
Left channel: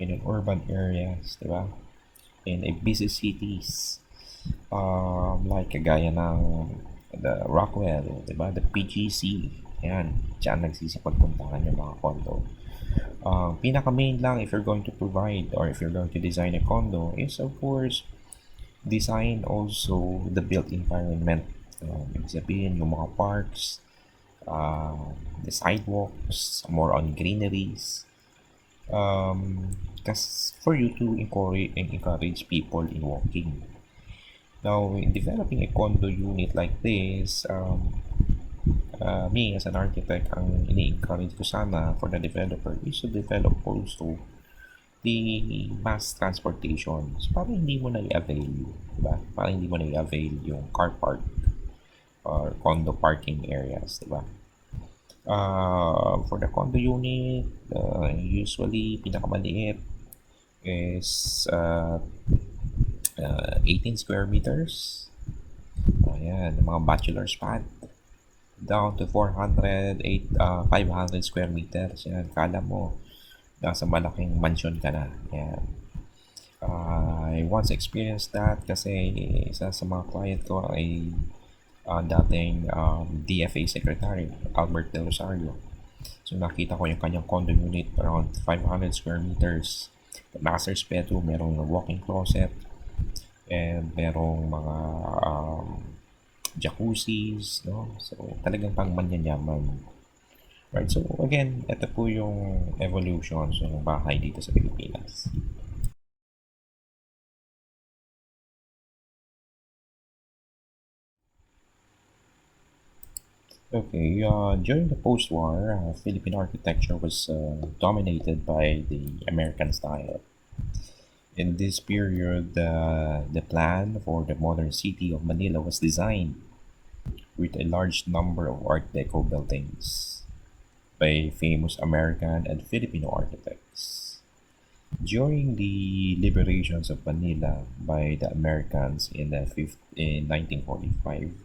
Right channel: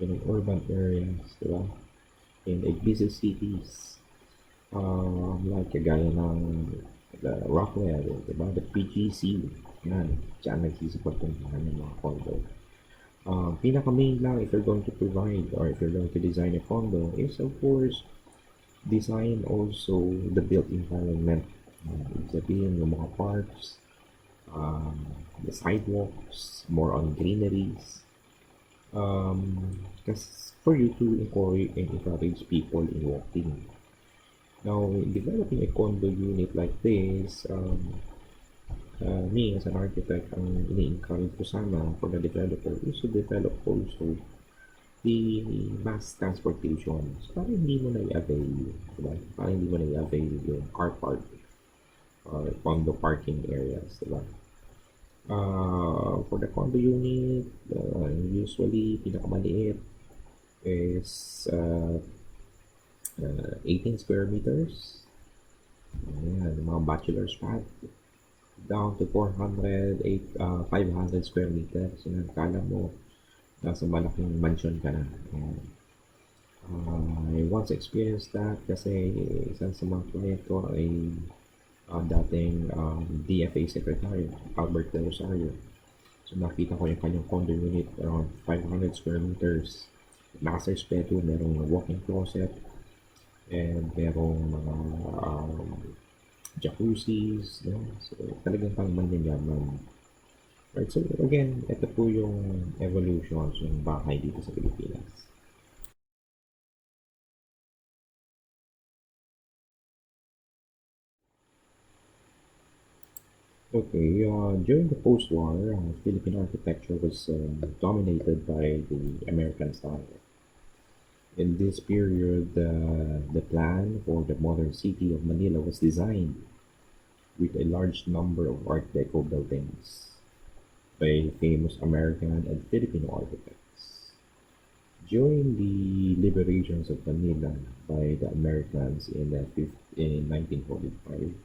in an urban areas, di ba? In a busy cities, like kagaya ng the Rockwell, di ba? The PGC, yan, dyan nagsisipagpuntahan yung mga condo. Pinaka main lang if you're going to provide or if you're going to design a condo is, of course, design also the built environment. Ibig sabihin yung mga parks, the sidewalks, more on greeneries. For you to encourage people in walking. Now, in developing a condo unit like this, me as an architect, ang ini-encourage ko sana for the developer is to develop also the mass transportation. So, parang hindi mo na i-avail, diba? Parang hindi mo na i-avail yung car park or condo parking areas, diba? For the condo unit, usually pinakamaliit is 18 square meters. Ayan, mga bachelor's pad. down to 400, 500 square meters. Yan, kala mo, nasa malaking mansion ka na. Yan. I once experienced that kasi isa sa mga client ko ay dating DFA Secretary, Albert De Rosario. So nakita ko yung kanyang condo unit around 500 square meters. Master's bedroom, merong walk-in closet, and merong mga jacuzzis, no? So talagang pang manyanyaman. Right, so again, ito po yung evolution ng bahay dito sa Pilipinas. Okay, during the post-war, Philippine architecture was dominated by the American style. In this period, the plan for the modern city of Manila was designed with a large number of Art Deco buildings by famous American and Filipino architects. During the liberations of Manila by the Americans in 1945,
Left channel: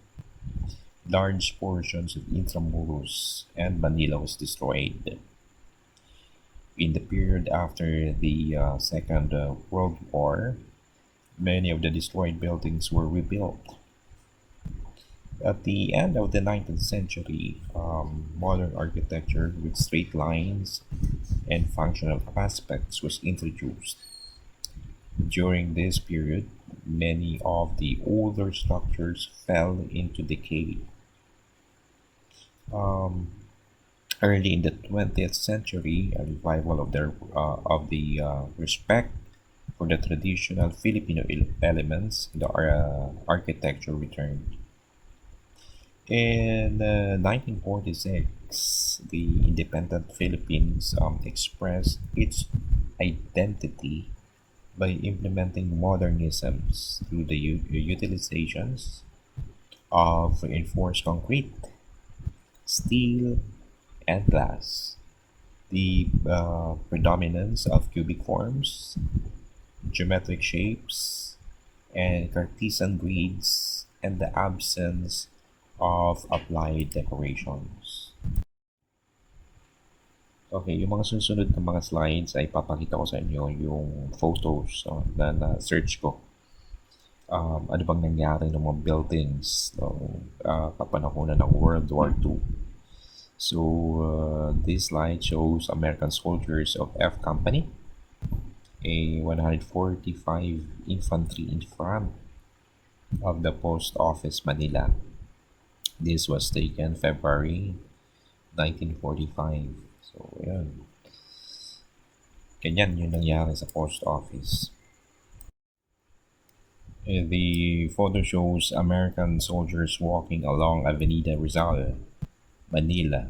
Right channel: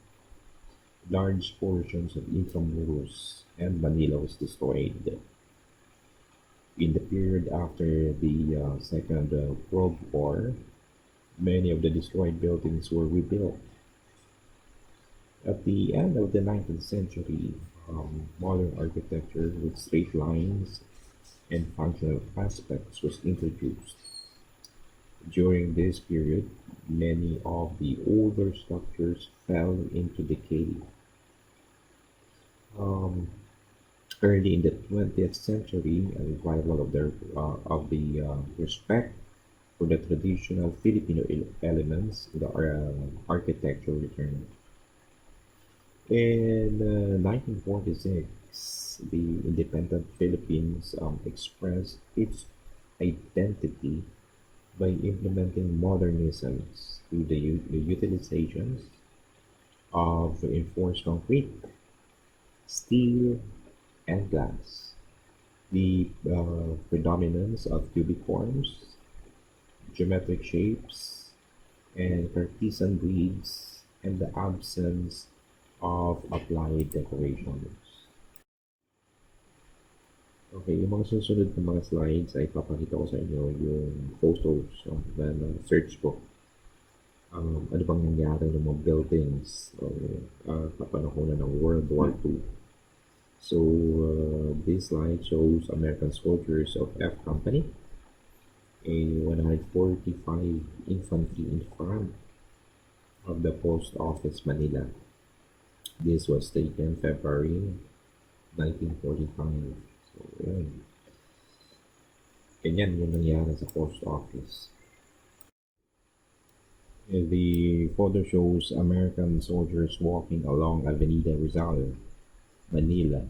large portions of Intramuros and Manila was destroyed. In the period after the Second World War, many of the destroyed buildings were rebuilt. At the end of the 19th century, modern architecture with straight lines and functional aspects was introduced. During this period, many of the older structures fell into decay. Um, Early in the 20th century, a revival of the respect for the traditional Filipino elements in the architecture returned. In 1946, the independent Philippines expressed its identity by implementing modernisms through the utilizations of reinforced concrete, steel, and glass. The predominance of cubic forms, geometric shapes, and Cartesian grids, and the absence of applied decorations. Okay, yung mga susunod na mga slides ay papakita ko sa inyo yung photos na search ko. Ano bang nangyari ng mga buildings kapanahonan ng World War II. So, this slide shows American soldiers of F Company, a 145 infantry in front of the post office Manila. This was taken February 1945. So, yun. Ganyan yung nangyari sa post office. The photo shows American soldiers walking along Avenida Rizal, Manila,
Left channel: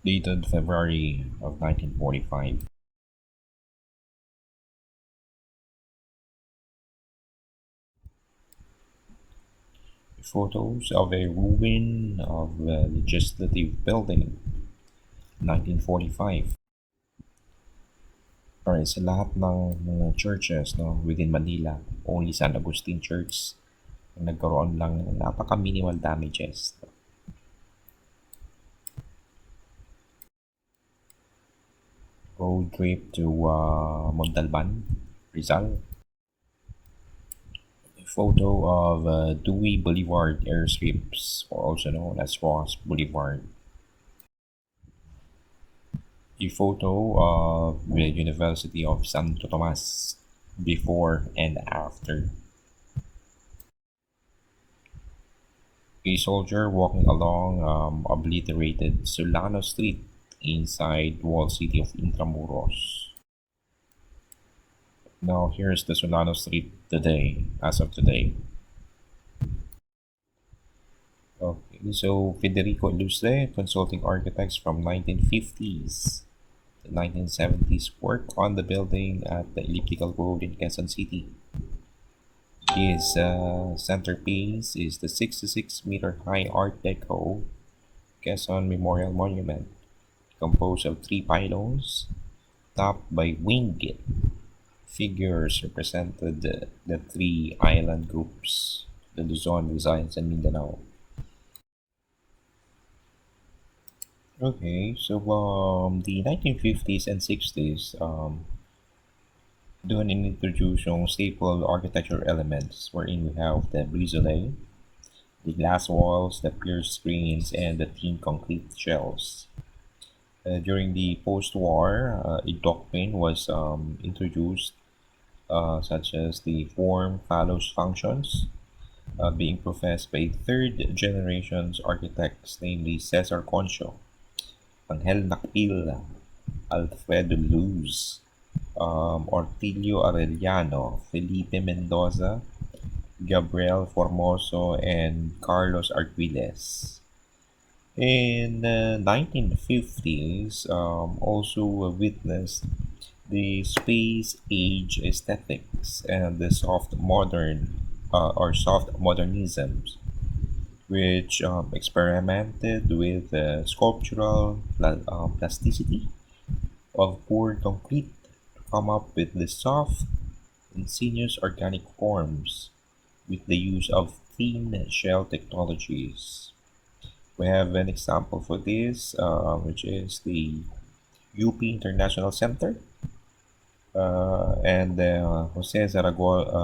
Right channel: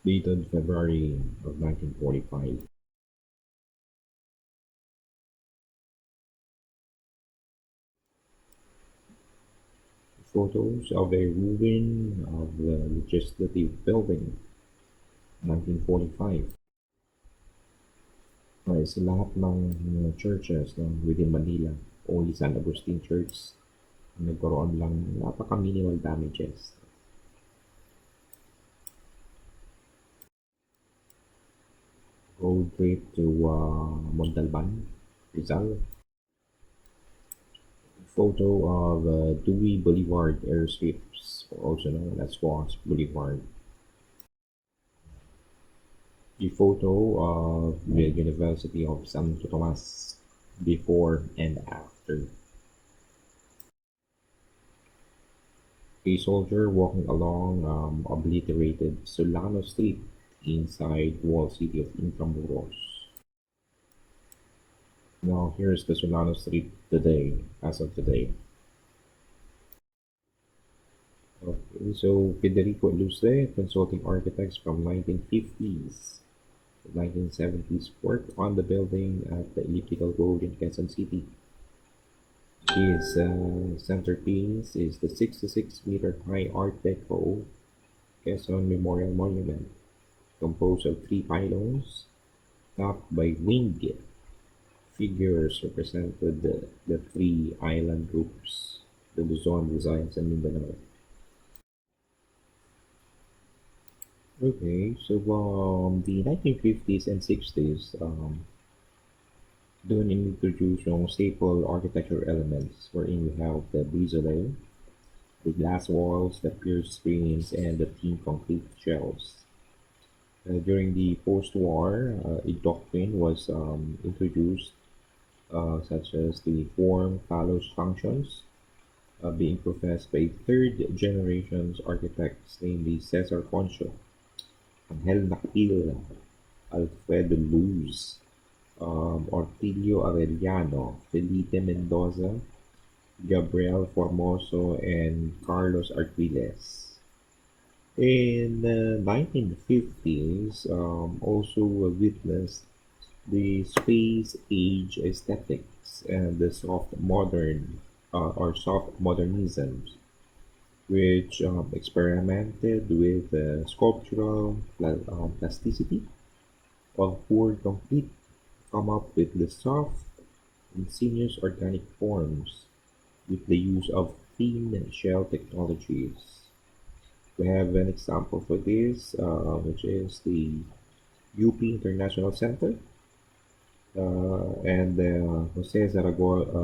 dated February of 1945. Photos of a ruin of the legislative building, 1945. Alright, sa lahat ng mga churches within Manila, only San Agustin Church nagkaroon lang ng napaka-minimal damages. Road trip to Montalban, Rizal. Photo of Dewey Boulevard airstrips, also known as Ross Boulevard. A photo of the University of Santo Tomas before and after. A soldier walking along obliterated Solano Street inside walled city of Intramuros. Now here's the Solano Street today, as of today. Okay, so Federico Ilustre, consulting architects from 1950s to 1970s, worked on the building at the Elliptical Road in Quezon City. His centerpiece is the 66-meter high Art Deco Quezon Memorial Monument, composed of 3 pylons, topped by winged figures represented the 3 island groups, the Luzon, Visayas, and Mindanao. Okay, so the 1950s and 60s doon inintroduce yung staple architecture elements wherein we have the brisole, the glass walls, the pierced screens, and the thin concrete shells. During the post-war, a doctrine was introduced, such as the form follows functions, being professed by third generation's architects, namely Cesar Concho, Angel Nakpil, Alfredo Luz, Ortilio Arellano, Felipe Mendoza, Gabriel Formoso, and Carlos Arquiles. In the 1950s, also witnessed the space age aesthetics and the soft modern or soft modernisms, which experimented with sculptural plasticity of poured concrete to come up with the soft, insinuous organic forms with the use of thin shell technologies. We have an example for this, which is the UP International Center and the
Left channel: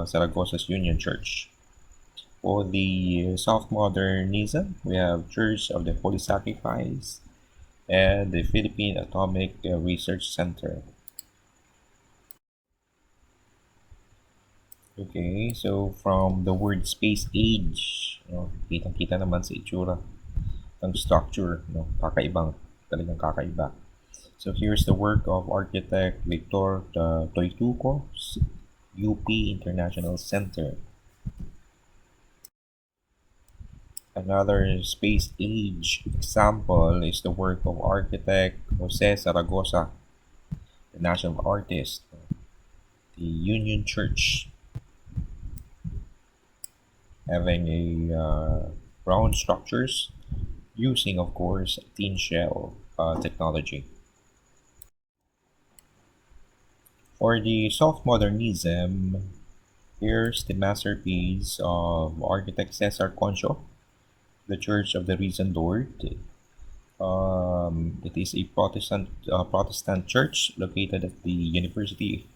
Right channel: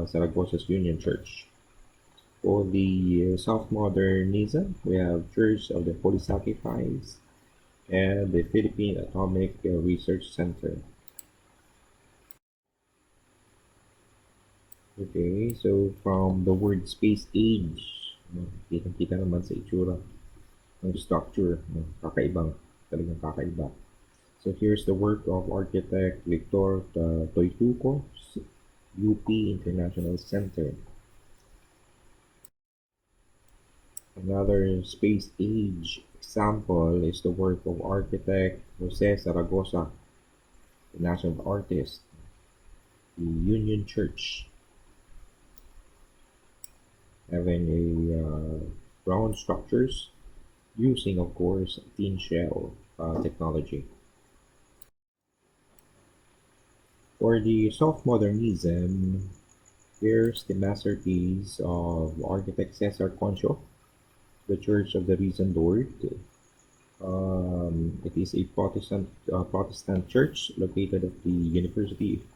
Zaragossa's Union Church. For the soft modernism, we have Church of the Holy Sacrifice and the Philippine Atomic Research Center. Okay, so from the word space age, kitang-kita naman sa itsura ng structure, no? Kakaibang, talagang kakaiba. So here's the work of architect Victor Toituco's UP International Center. Another space age example is the work of architect Jose Zaragoza, the national artist, the Union Church, having a round structures using, of course, thin shell technology. For the soft modernism, here's the masterpiece of architect Cesar Concho, the Church of the Risen Lord. It is a Protestant church located at the University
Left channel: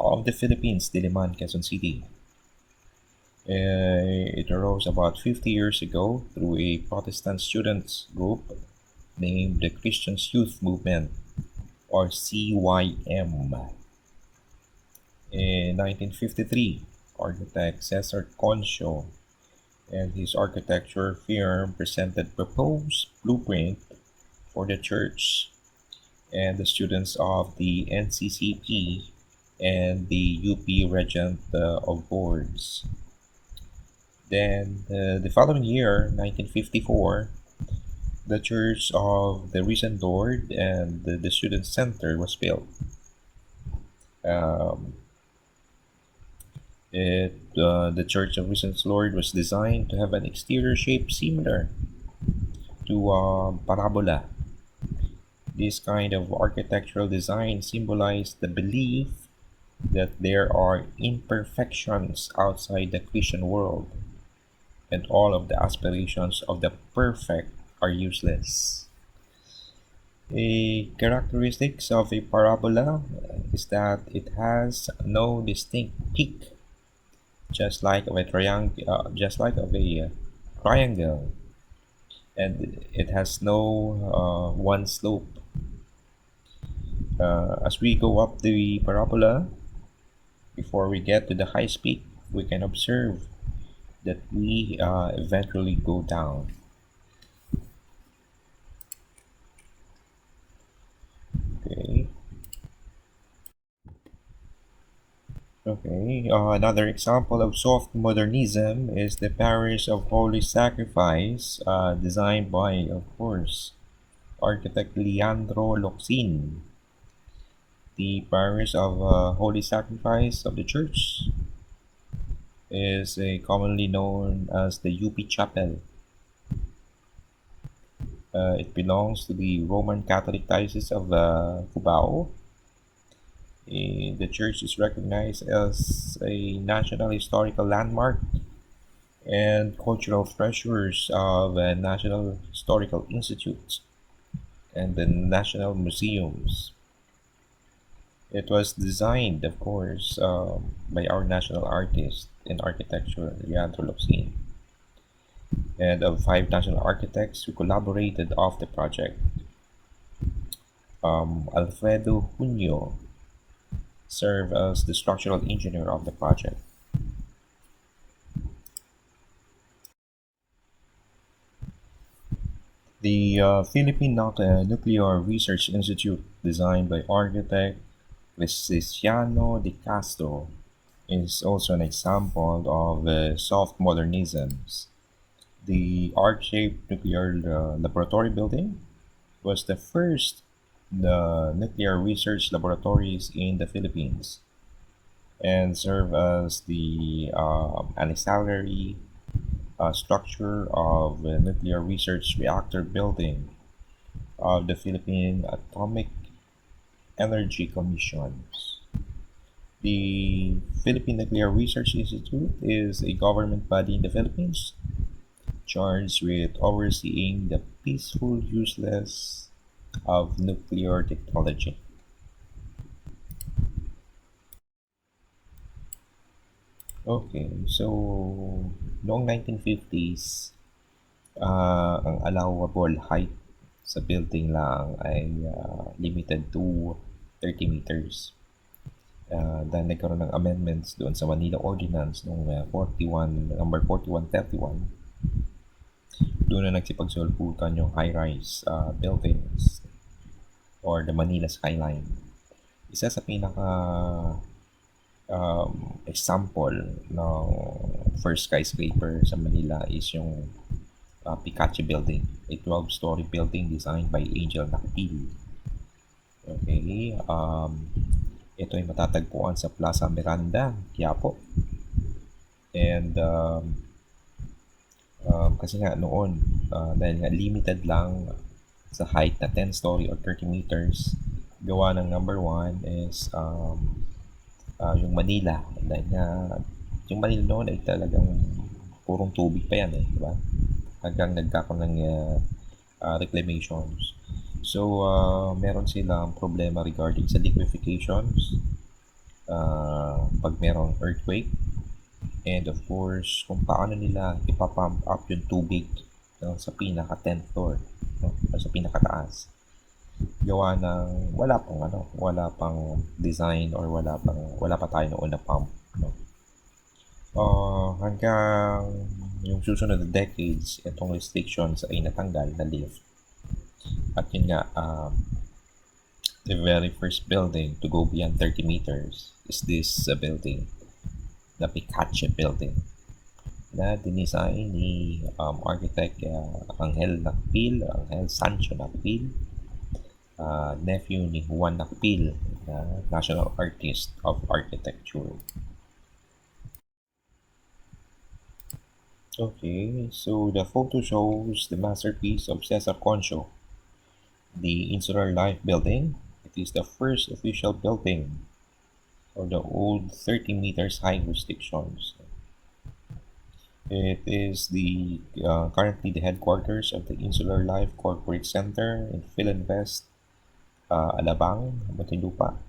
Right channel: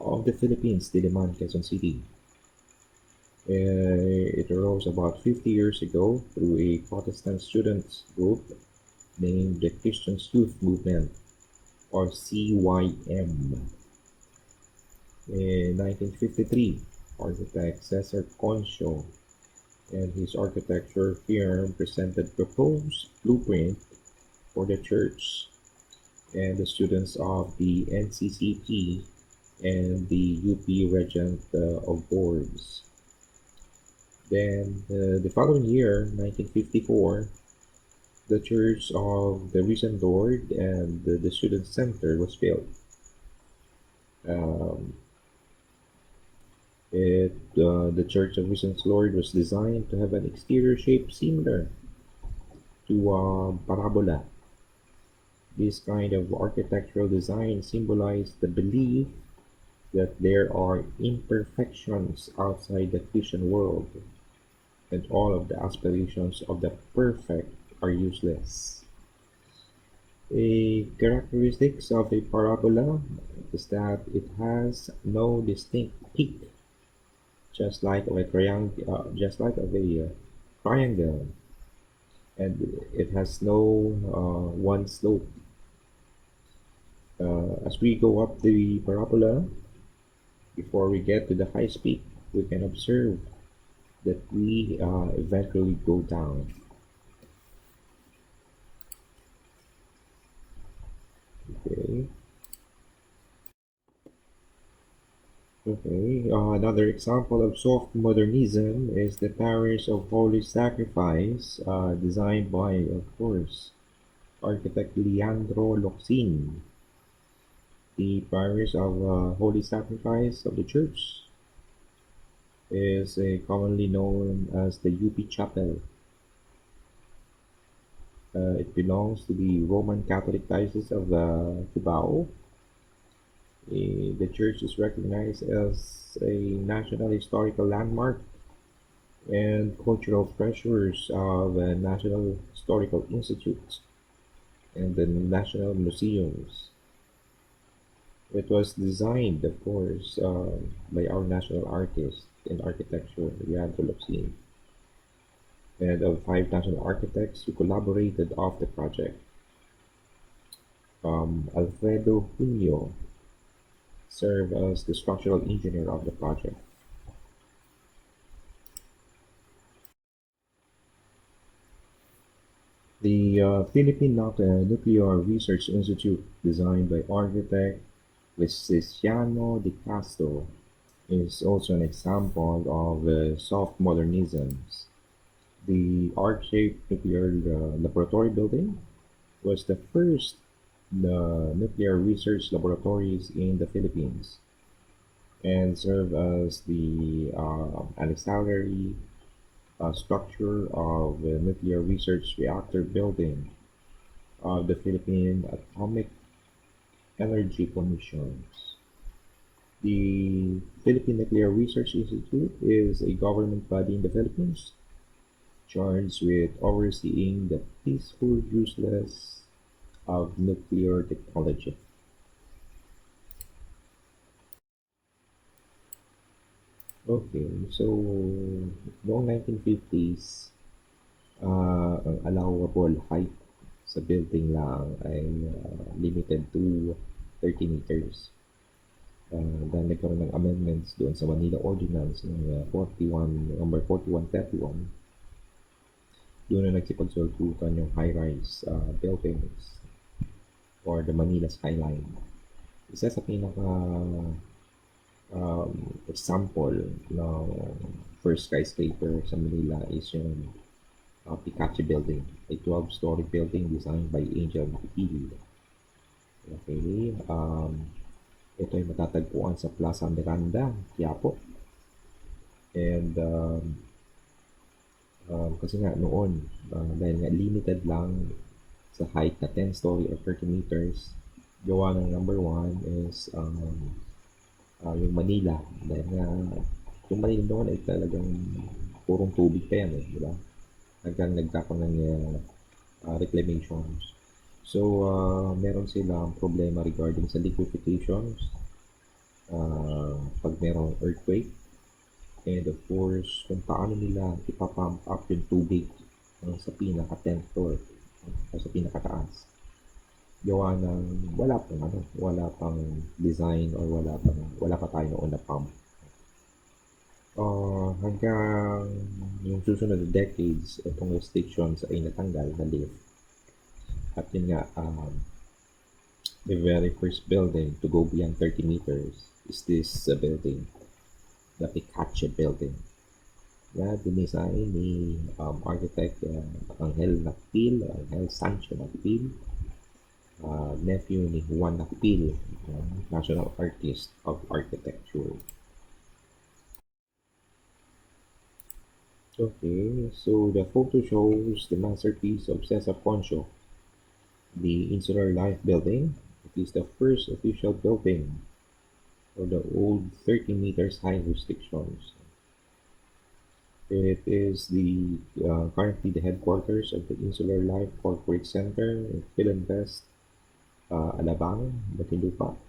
of the Philippines, Diliman, Quezon City. It arose about 50 years ago through a Protestant students group named the Christian Youth Movement, or CYM. In 1953, architect Cesar Concho and his architecture firm presented proposed blueprint for the church, and the students of the NCCP and the UP Regent of Boards. Then the following year, 1954, the Church of the Risen Lord and the Student Center was built. Um, the Church of Risen Lord was designed to have an exterior shape similar to parabola. This kind of architectural design symbolized the belief that there are imperfections outside the Christian world, and all of the aspirations of the perfect are useless. A characteristics of a parabola is that it has no distinct peak, just like of a triangle, and it has no one slope. As we go up the parabola, before we get to the high peak, we can observe that we eventually go down. Okay. Okay. Another example of soft modernism is the Parish of Holy Sacrifice, designed by, of course, architect Leandro Locsin. The Parish of Holy Sacrifice of the Church is commonly known as the UP Chapel. It belongs to the Roman Catholic Diocese of Cubao. The church is recognized as a National Historical Landmark and cultural treasures of National Historical Institute. and the national museums. It was designed, of course, by our national artist in architecture, Leandro Locsin, and of five national architects who collaborated off the project. Alfredo Junio served as the structural engineer of the project. The Philippine Nuclear Research Institute, designed by architect Vesciano de Castro, is also an example of soft modernisms. The arch-shaped nuclear laboratory building was the first nuclear research laboratories in the Philippines and served as the ancillary structure of the nuclear research reactor building of the Philippine Atomic Energy Commissions. The Philippine Nuclear Research Institute is a government body in the Philippines charged with overseeing the peaceful useless of nuclear technology. Okay, so noong 1950s, ang allowable height sa building lang ay limited to 30 meters. Dahil nagkaroon ng amendments doon sa Manila Ordinance noong 41, number 4131, doon na nagsipagsulputan yung high-rise buildings or the Manila skyline. Isa sa pinaka example ng first skyscraper sa Manila is yung Picache Building, a 12-story building designed by Angel Nakpil. Okay, ito ay matatagpuan sa Plaza Miranda, Quiapo. And kasi nga noon, dahil nga limited lang sa height na 10 story or 30 meters, gawa ng number one is yung Manila. Dahil nga, yung Manila noon ay talagang purong tubig pa yan di ba? Hanggang nagkakaroon ng reclamations. So, meron silang problema regarding sa liquefations, pag merong earthquake, and of course, kung paano nila ipapump up yung tubig sa pinaka 10th floor, sa pinakataas. Gawa ng wala pang design or wala pa tayo noon na pump. Hanggang yung susunod na decades, itong restrictions ay natanggal na lift. At yun nga, the very first building to go beyond 30 meters is this building, the Picache Building, na dinisign ni architect Angel Sancho Nakpil, nephew ni Juan Nakpil, national artist of architecture. Okay, so the photo shows the masterpiece of Cesar Concho, the Insular Life Building. It is the first official building of the old 30 meters high restrictions. It is currently the headquarters of the Insular Life Corporate Center in Philinvest, Alabang, Muntinlupa.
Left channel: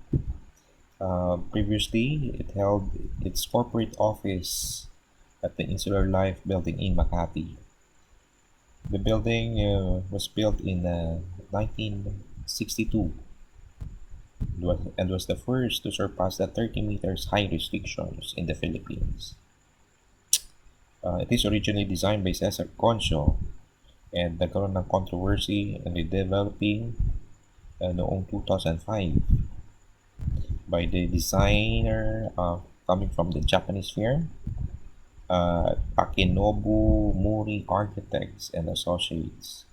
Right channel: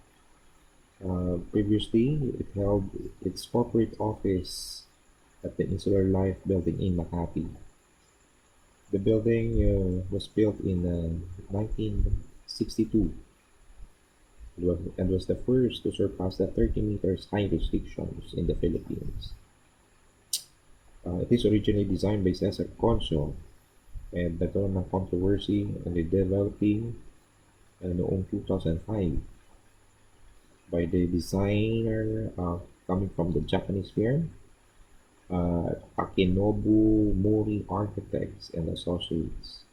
Previously, it held its corporate office at the Insular Life Building in Makati. The building was built in 1962 and was the first to surpass the 30 meters high restrictions in the Philippines. It is originally designed by Cesar Concho and nagkaroon ng controversy and redeveloping noong 2005 by the designer coming from the Japanese firm Akinobu Mori Architects and Associates.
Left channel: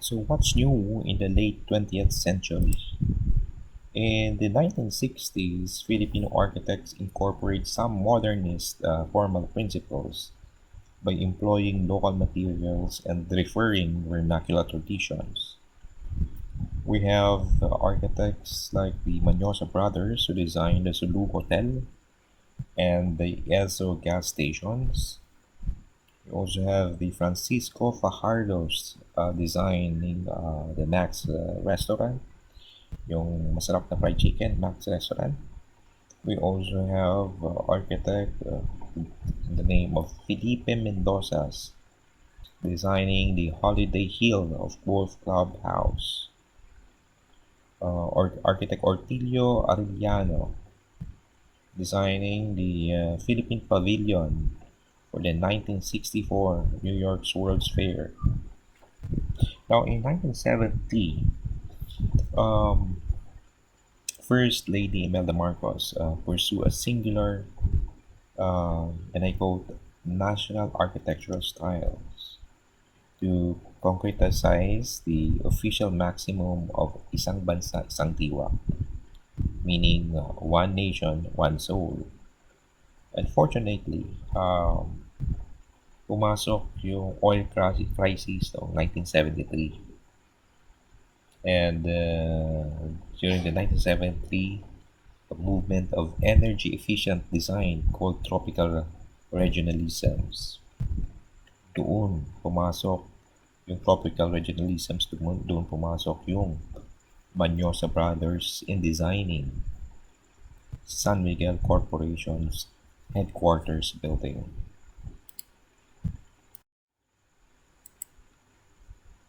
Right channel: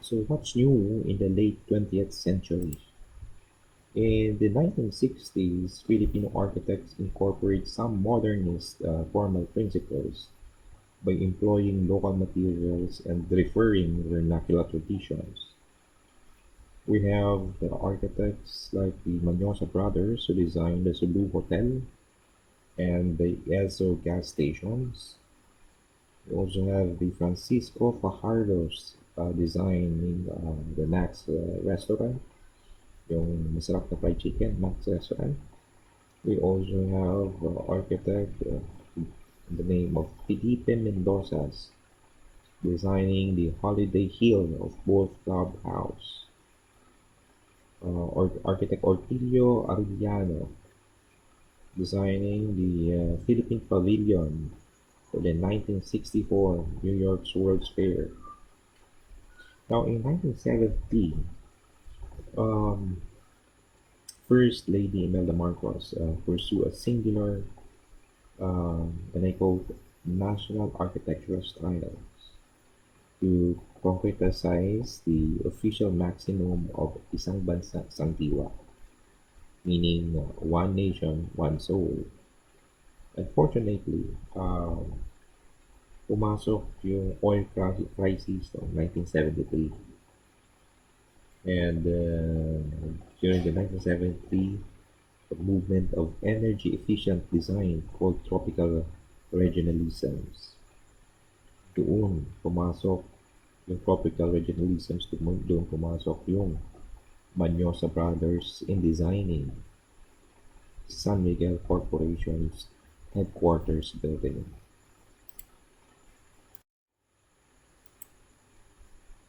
So what's new in the late 20th century? In the 1960s, Filipino architects incorporate some modernist formal principles by employing local materials and referring vernacular traditions. We have architects like the Manyosa brothers who designed the Sulu Hotel and the Esso gas stations. We also have the Francisco Fajardo's designing the Max restaurant, yung masarap na fried chicken, Max restaurant. We also have architect in the name of Felipe Mendoza's designing the Holiday Hill of Wolf Clubhouse. Architect Ortilio Arellano designing the Philippine Pavilion for the 1964 New York's World's Fair. Now, in 1970, um, First Lady Imelda Marcos pursued a singular, and I quote, national architectural styles to concretize the official maximum of isang bansa, isang diwa, meaning one nation, one soul. Unfortunately, pumasok yung oil crisis noong 1973. And during the 1973, a movement of energy efficient design called tropical regionalisms. Doon pumasok yung tropical regionalisms, doon pumasok yung Manyosa Brothers in designing San Miguel Corporation's headquarters building.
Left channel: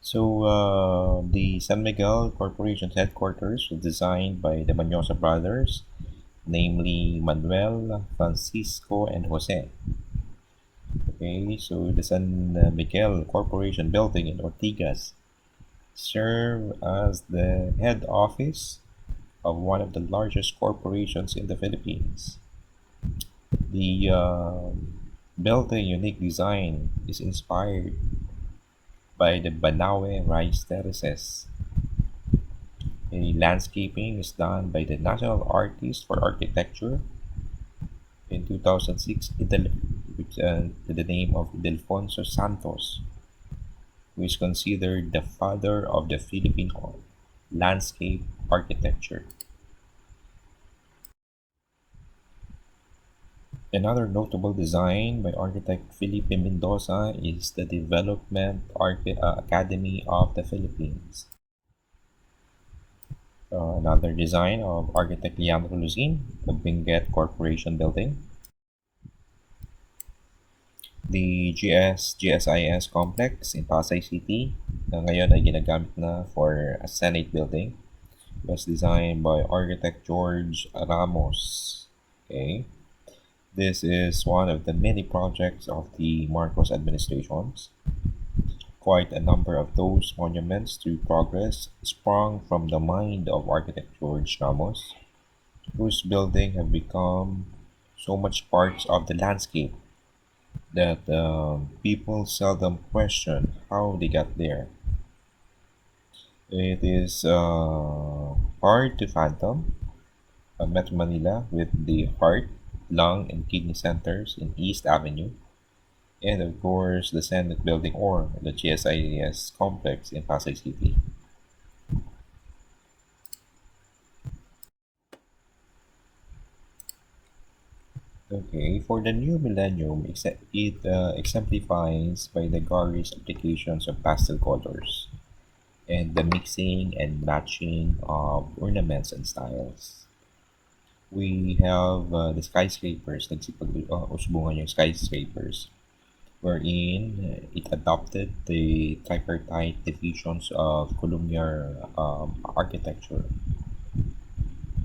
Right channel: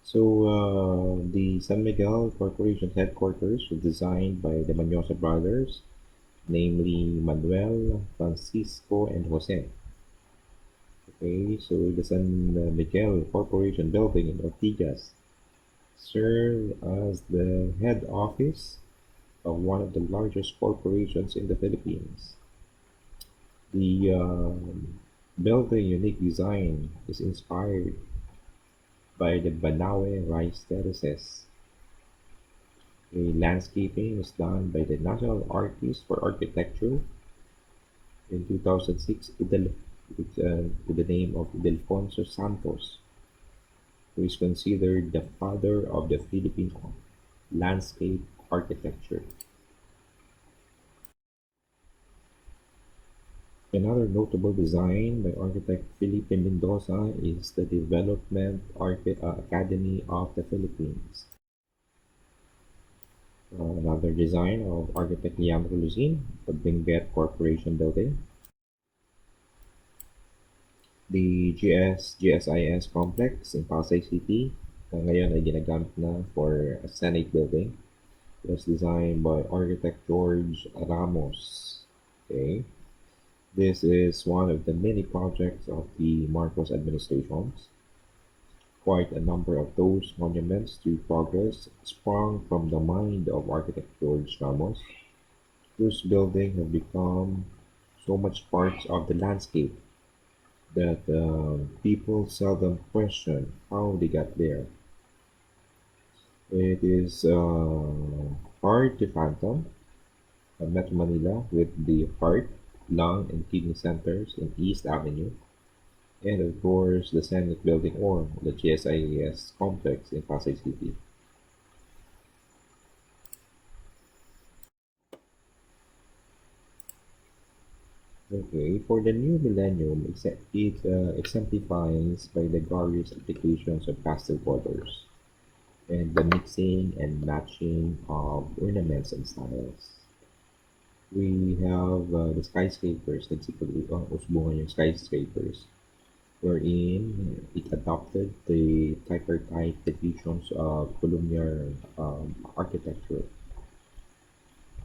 So, the San Miguel Corporation's headquarters was designed by the Manyosa brothers, namely Manuel, Francisco, and Jose. Okay, so the San Miguel Corporation building in Ortigas served as the head office of one of the largest corporations in the Philippines. The building unique design is inspired by the Banawe rice terraces. A landscaping is done by the National Artist for Architecture in 2006 with the name of Idelfonso Santos, who is considered the father of the Philippine landscape architecture. Another notable design by architect Felipe Mendoza is the Development Academy of the Philippines. Another design of architect Leandro Luzin, the Benguet Corporation building. The GSIS complex in Pasay City, na ngayon ay ginagamit na for a Senate building, was designed by architect George Ramos. Okay. This is one of the many projects of the Marcos administrations. Quite a number of those monuments to progress sprung from the mind of architect George Ramos, whose building have become so much part of the landscape that people seldom question how they got there. It is hard to fathom Metro Manila with the heart, lung, and kidney centers in East Avenue, and of course the Senate Building or the GSIS complex in Pasay City. Okay, for the new millennium, it exemplifies by the garish applications of pastel colors and the mixing and matching of ornaments and styles. We have the skyscrapers, usbungan yung skyscrapers, wherein it adopted the tripartite divisions of columnar architecture.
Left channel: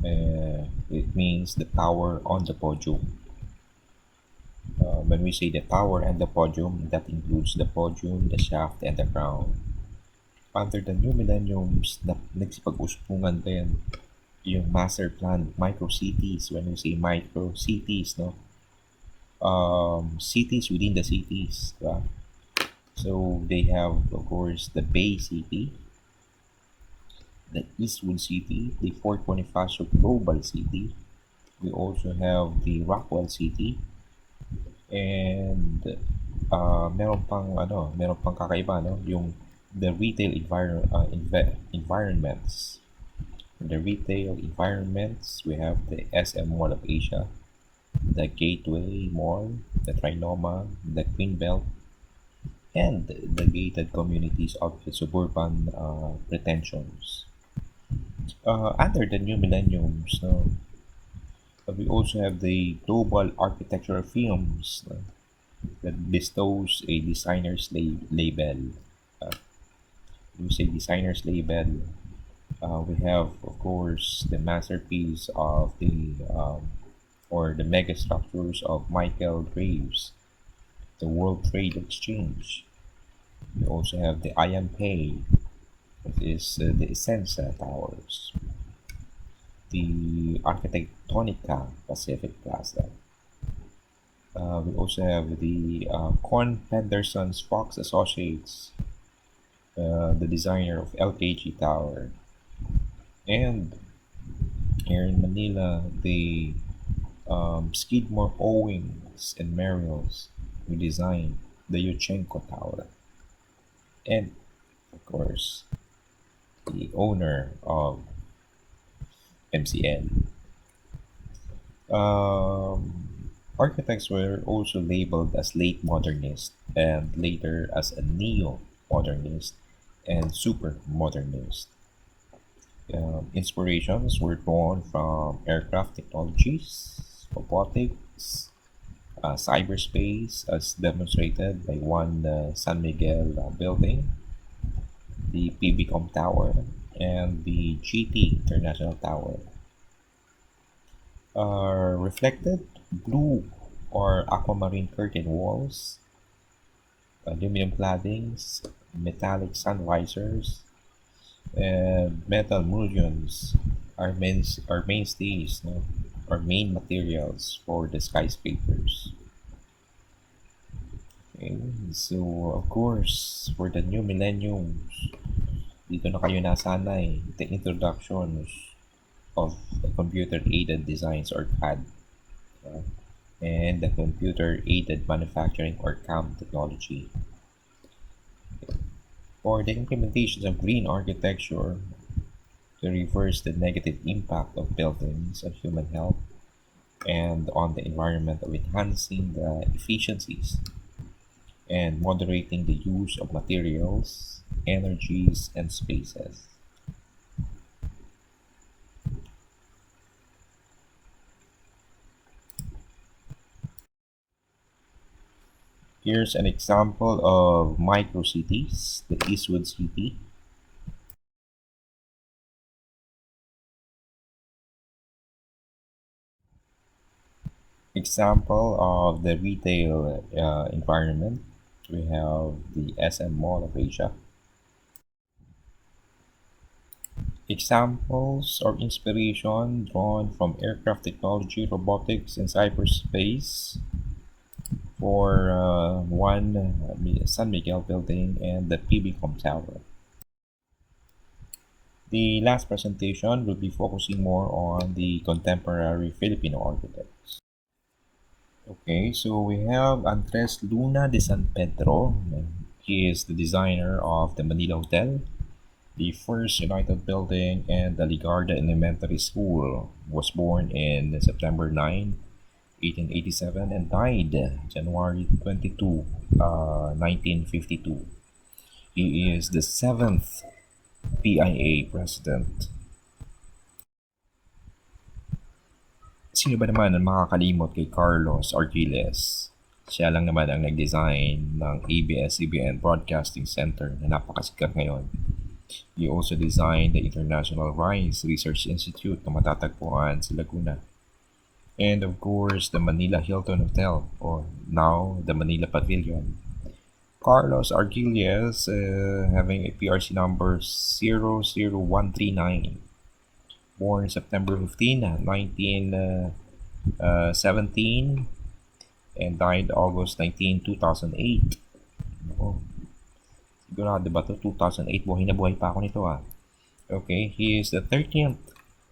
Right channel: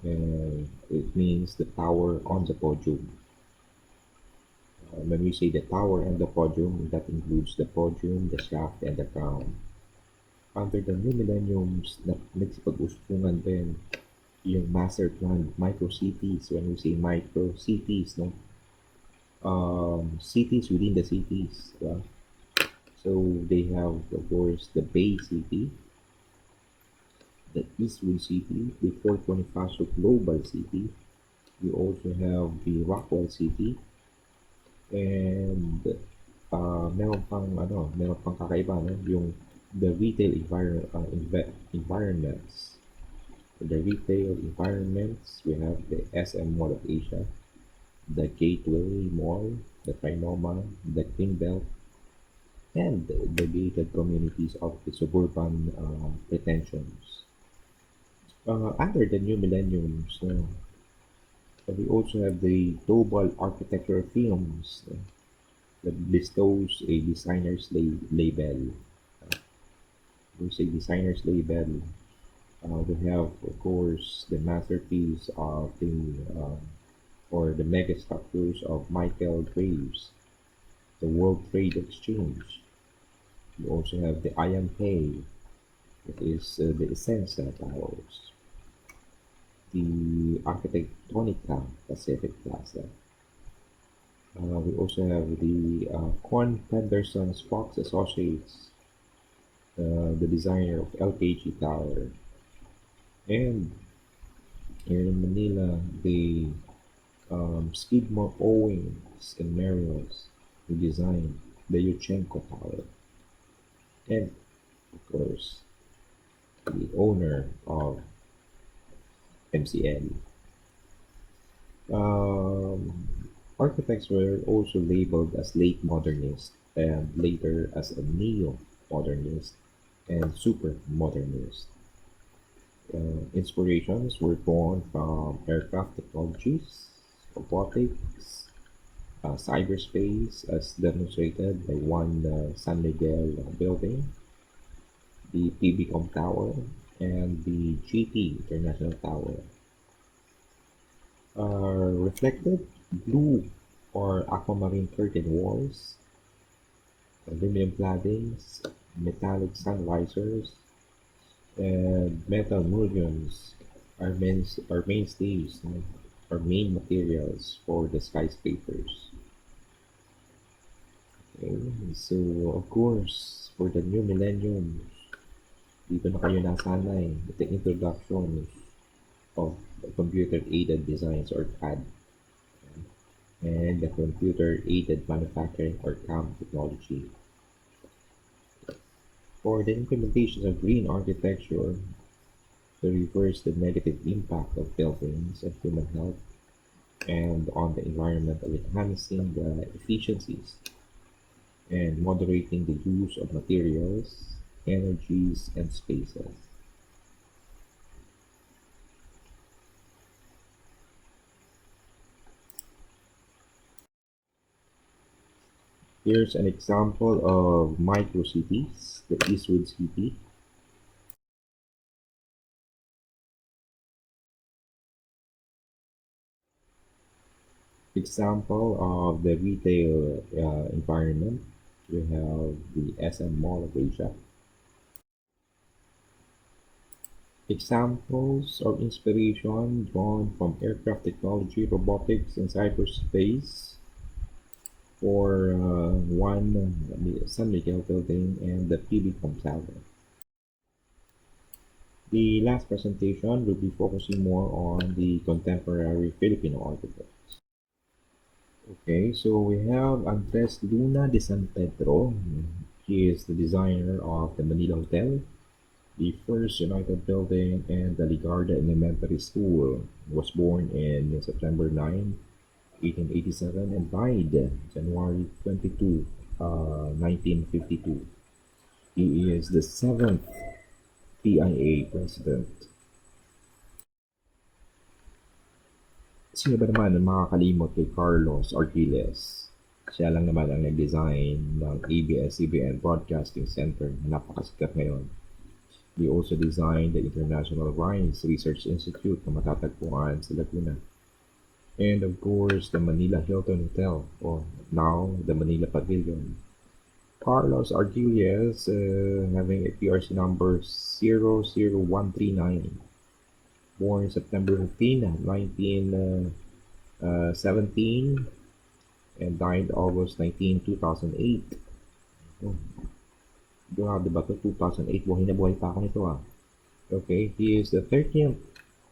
It means the tower on the podium. When we say the tower and the podium, that includes the podium, the shaft, and the crown. Under the new millenniums, nagsipag-uspungan din yung master plan micro cities. When we say micro cities, no, cities within the cities, diba? So they have, of course, the Bay City, the Eastwood City, the Fort Bonifacio Global City. We also have the Rockwell City, and meron pang kakaiba, no, yung the retail environments. For the retail environments, we have the SM Mall of Asia, the Gateway Mall, the Trinoma, the Queen Belt, and the gated communities of the suburban pretensions. Under the new millenniums, we also have the global architectural films that bestows a designer's label. Uh, we say designer's label. We have, of course, the masterpiece of the or the mega structures of Michael Graves, the World Trade Exchange. We also have the IMK, that is the Essenza Towers, the Arquitectonica Pacific Plaza. We also have the Corn Pedersen's Fox Associates, the designer of LKG Tower, and here in Manila, the Skidmore, Owings, and Merrills, who designed the Yuchenko Tower, and of course, the owner of MCL. Architects were also labeled as late modernist and later as a neo modernist and super modernist. Inspirations were drawn from aircraft technologies, robotics, cyberspace, as demonstrated by one San Miguel building, the PBCom Tower, and the GT International Tower. Reflected blue or aquamarine curtain walls, aluminum claddings, metallic sun visors, and metal mullions are mainstays, no? Or main materials for the skyscrapers. Okay, so of course, for the new millenniums, dito na kayo nasanay with the introductions of computer-aided designs or CAD, yeah, and the computer-aided manufacturing or CAM technology. For the implementations of green architecture to reverse the negative impact of buildings on human health and on the environment of enhancing the efficiencies and moderating the use of materials, energies, and spaces. Here's an example of microcities, the Eastwood City. Example of the retail environment. We have the SM Mall of Asia. Examples or inspiration drawn from aircraft technology, robotics, and cyberspace for one San Miguel building and the PBCom Tower. The last presentation will be focusing more on the contemporary Filipino architects. Okay, so we have Andres Luna de San Pedro. He is the designer of the Manila Hotel, the first United Building, and the Ligarda Elementary School. Was born in September 9, 1887, and died January 22, 1952. He is the seventh PIA president. Sino ba naman ang makakalimot kay Carlos Arquiles? Siya lang naman ang nag-design ng ABS-CBN Broadcasting Center na napakasikat ngayon. He also designed the International Rice Research Institute na matatagpuan sa Laguna. And of course, the Manila Hilton Hotel, or now the Manila Pavilion. Carlos Arquilles, having a PRC number 00139, born September 15, 1917, and died August 19, 2008. Oh, sigurado ba ito? 2008, buhay na buhay pa ako nito ah. Okay, he is the 13th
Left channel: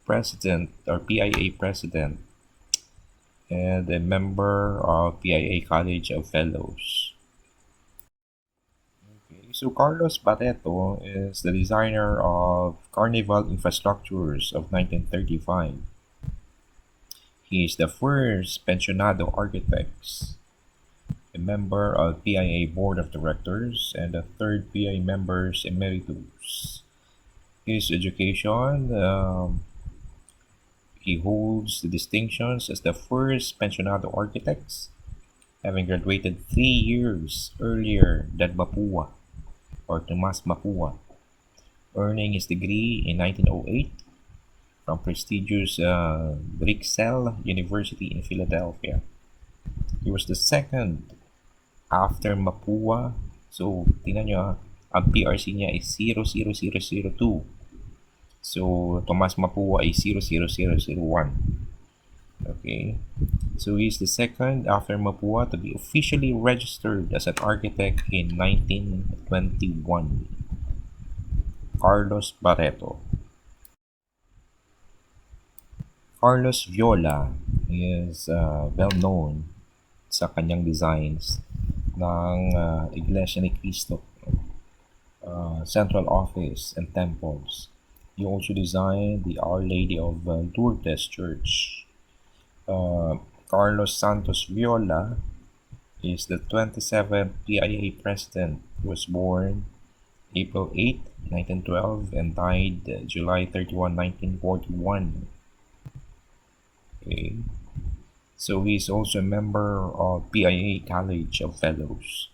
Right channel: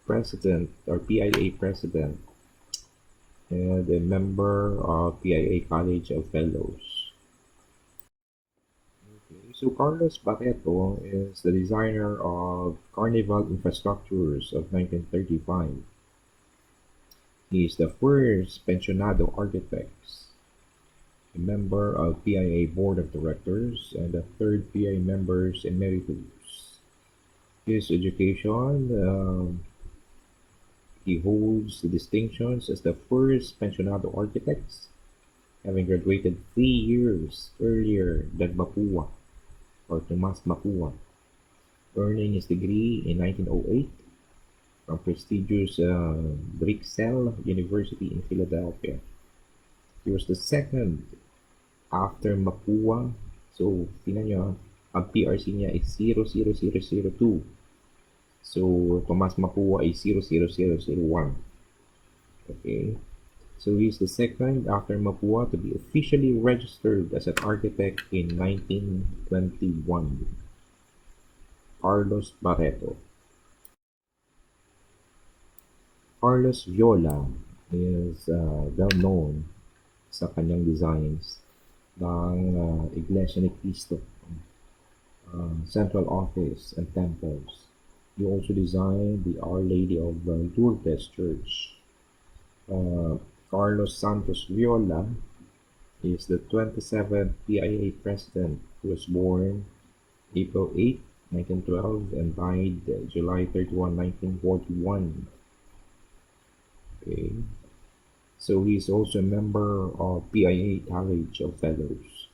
president or PIA president and a member of PIA College of Fellows. Okay, so Carlos Barreto is the designer of Carnival Infrastructures of 1935. He is the first pensionado architect, a member of PIA Board of Directors, and the third PIA members emeritus. His education, he holds the distinctions as the first pensionado architect, having graduated 3 years earlier than Mapua or Tomas Mapua, earning his degree in 1908 from prestigious Drexel University in Philadelphia. He was the second after Mapua. So, tingnan nyo ang PRC niya is 00002. So, Tomas Mapua ay 00001. Okay. So, he's the second after Mapua to be officially registered as an architect in 1921. Carlos Barreto. Carlos Viola is well known sa kanyang designs ng Iglesia ni Cristo, Central Office and Temples. He also designed the Our Lady of Lourdes Church. Carlos Santos Viola is the 27th PIA president who was born April 8, 1912 and died July 31, 1941. Okay. So he is also a member of PIA College of Fellows.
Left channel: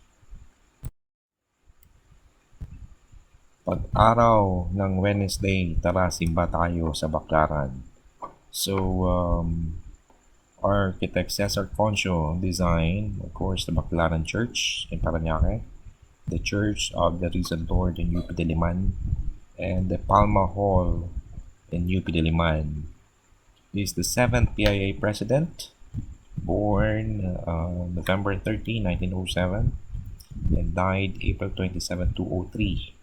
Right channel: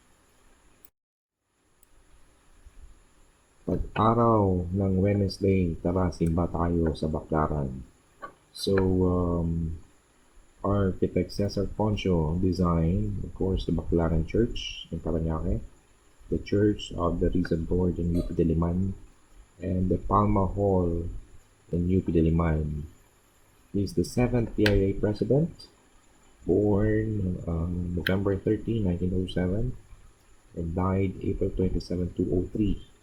Pag-araw ng Wednesday, tara simba tayo sa Baclaran. So, Architect Cesar Concho designed, of course, the Baclaran Church in Parañaque, the Church of the Risen Lord in UP Diliman, and the Palma Hall in UP Diliman. He is the 7th PIA president, born November 13, 1907, and died April 27, 2003.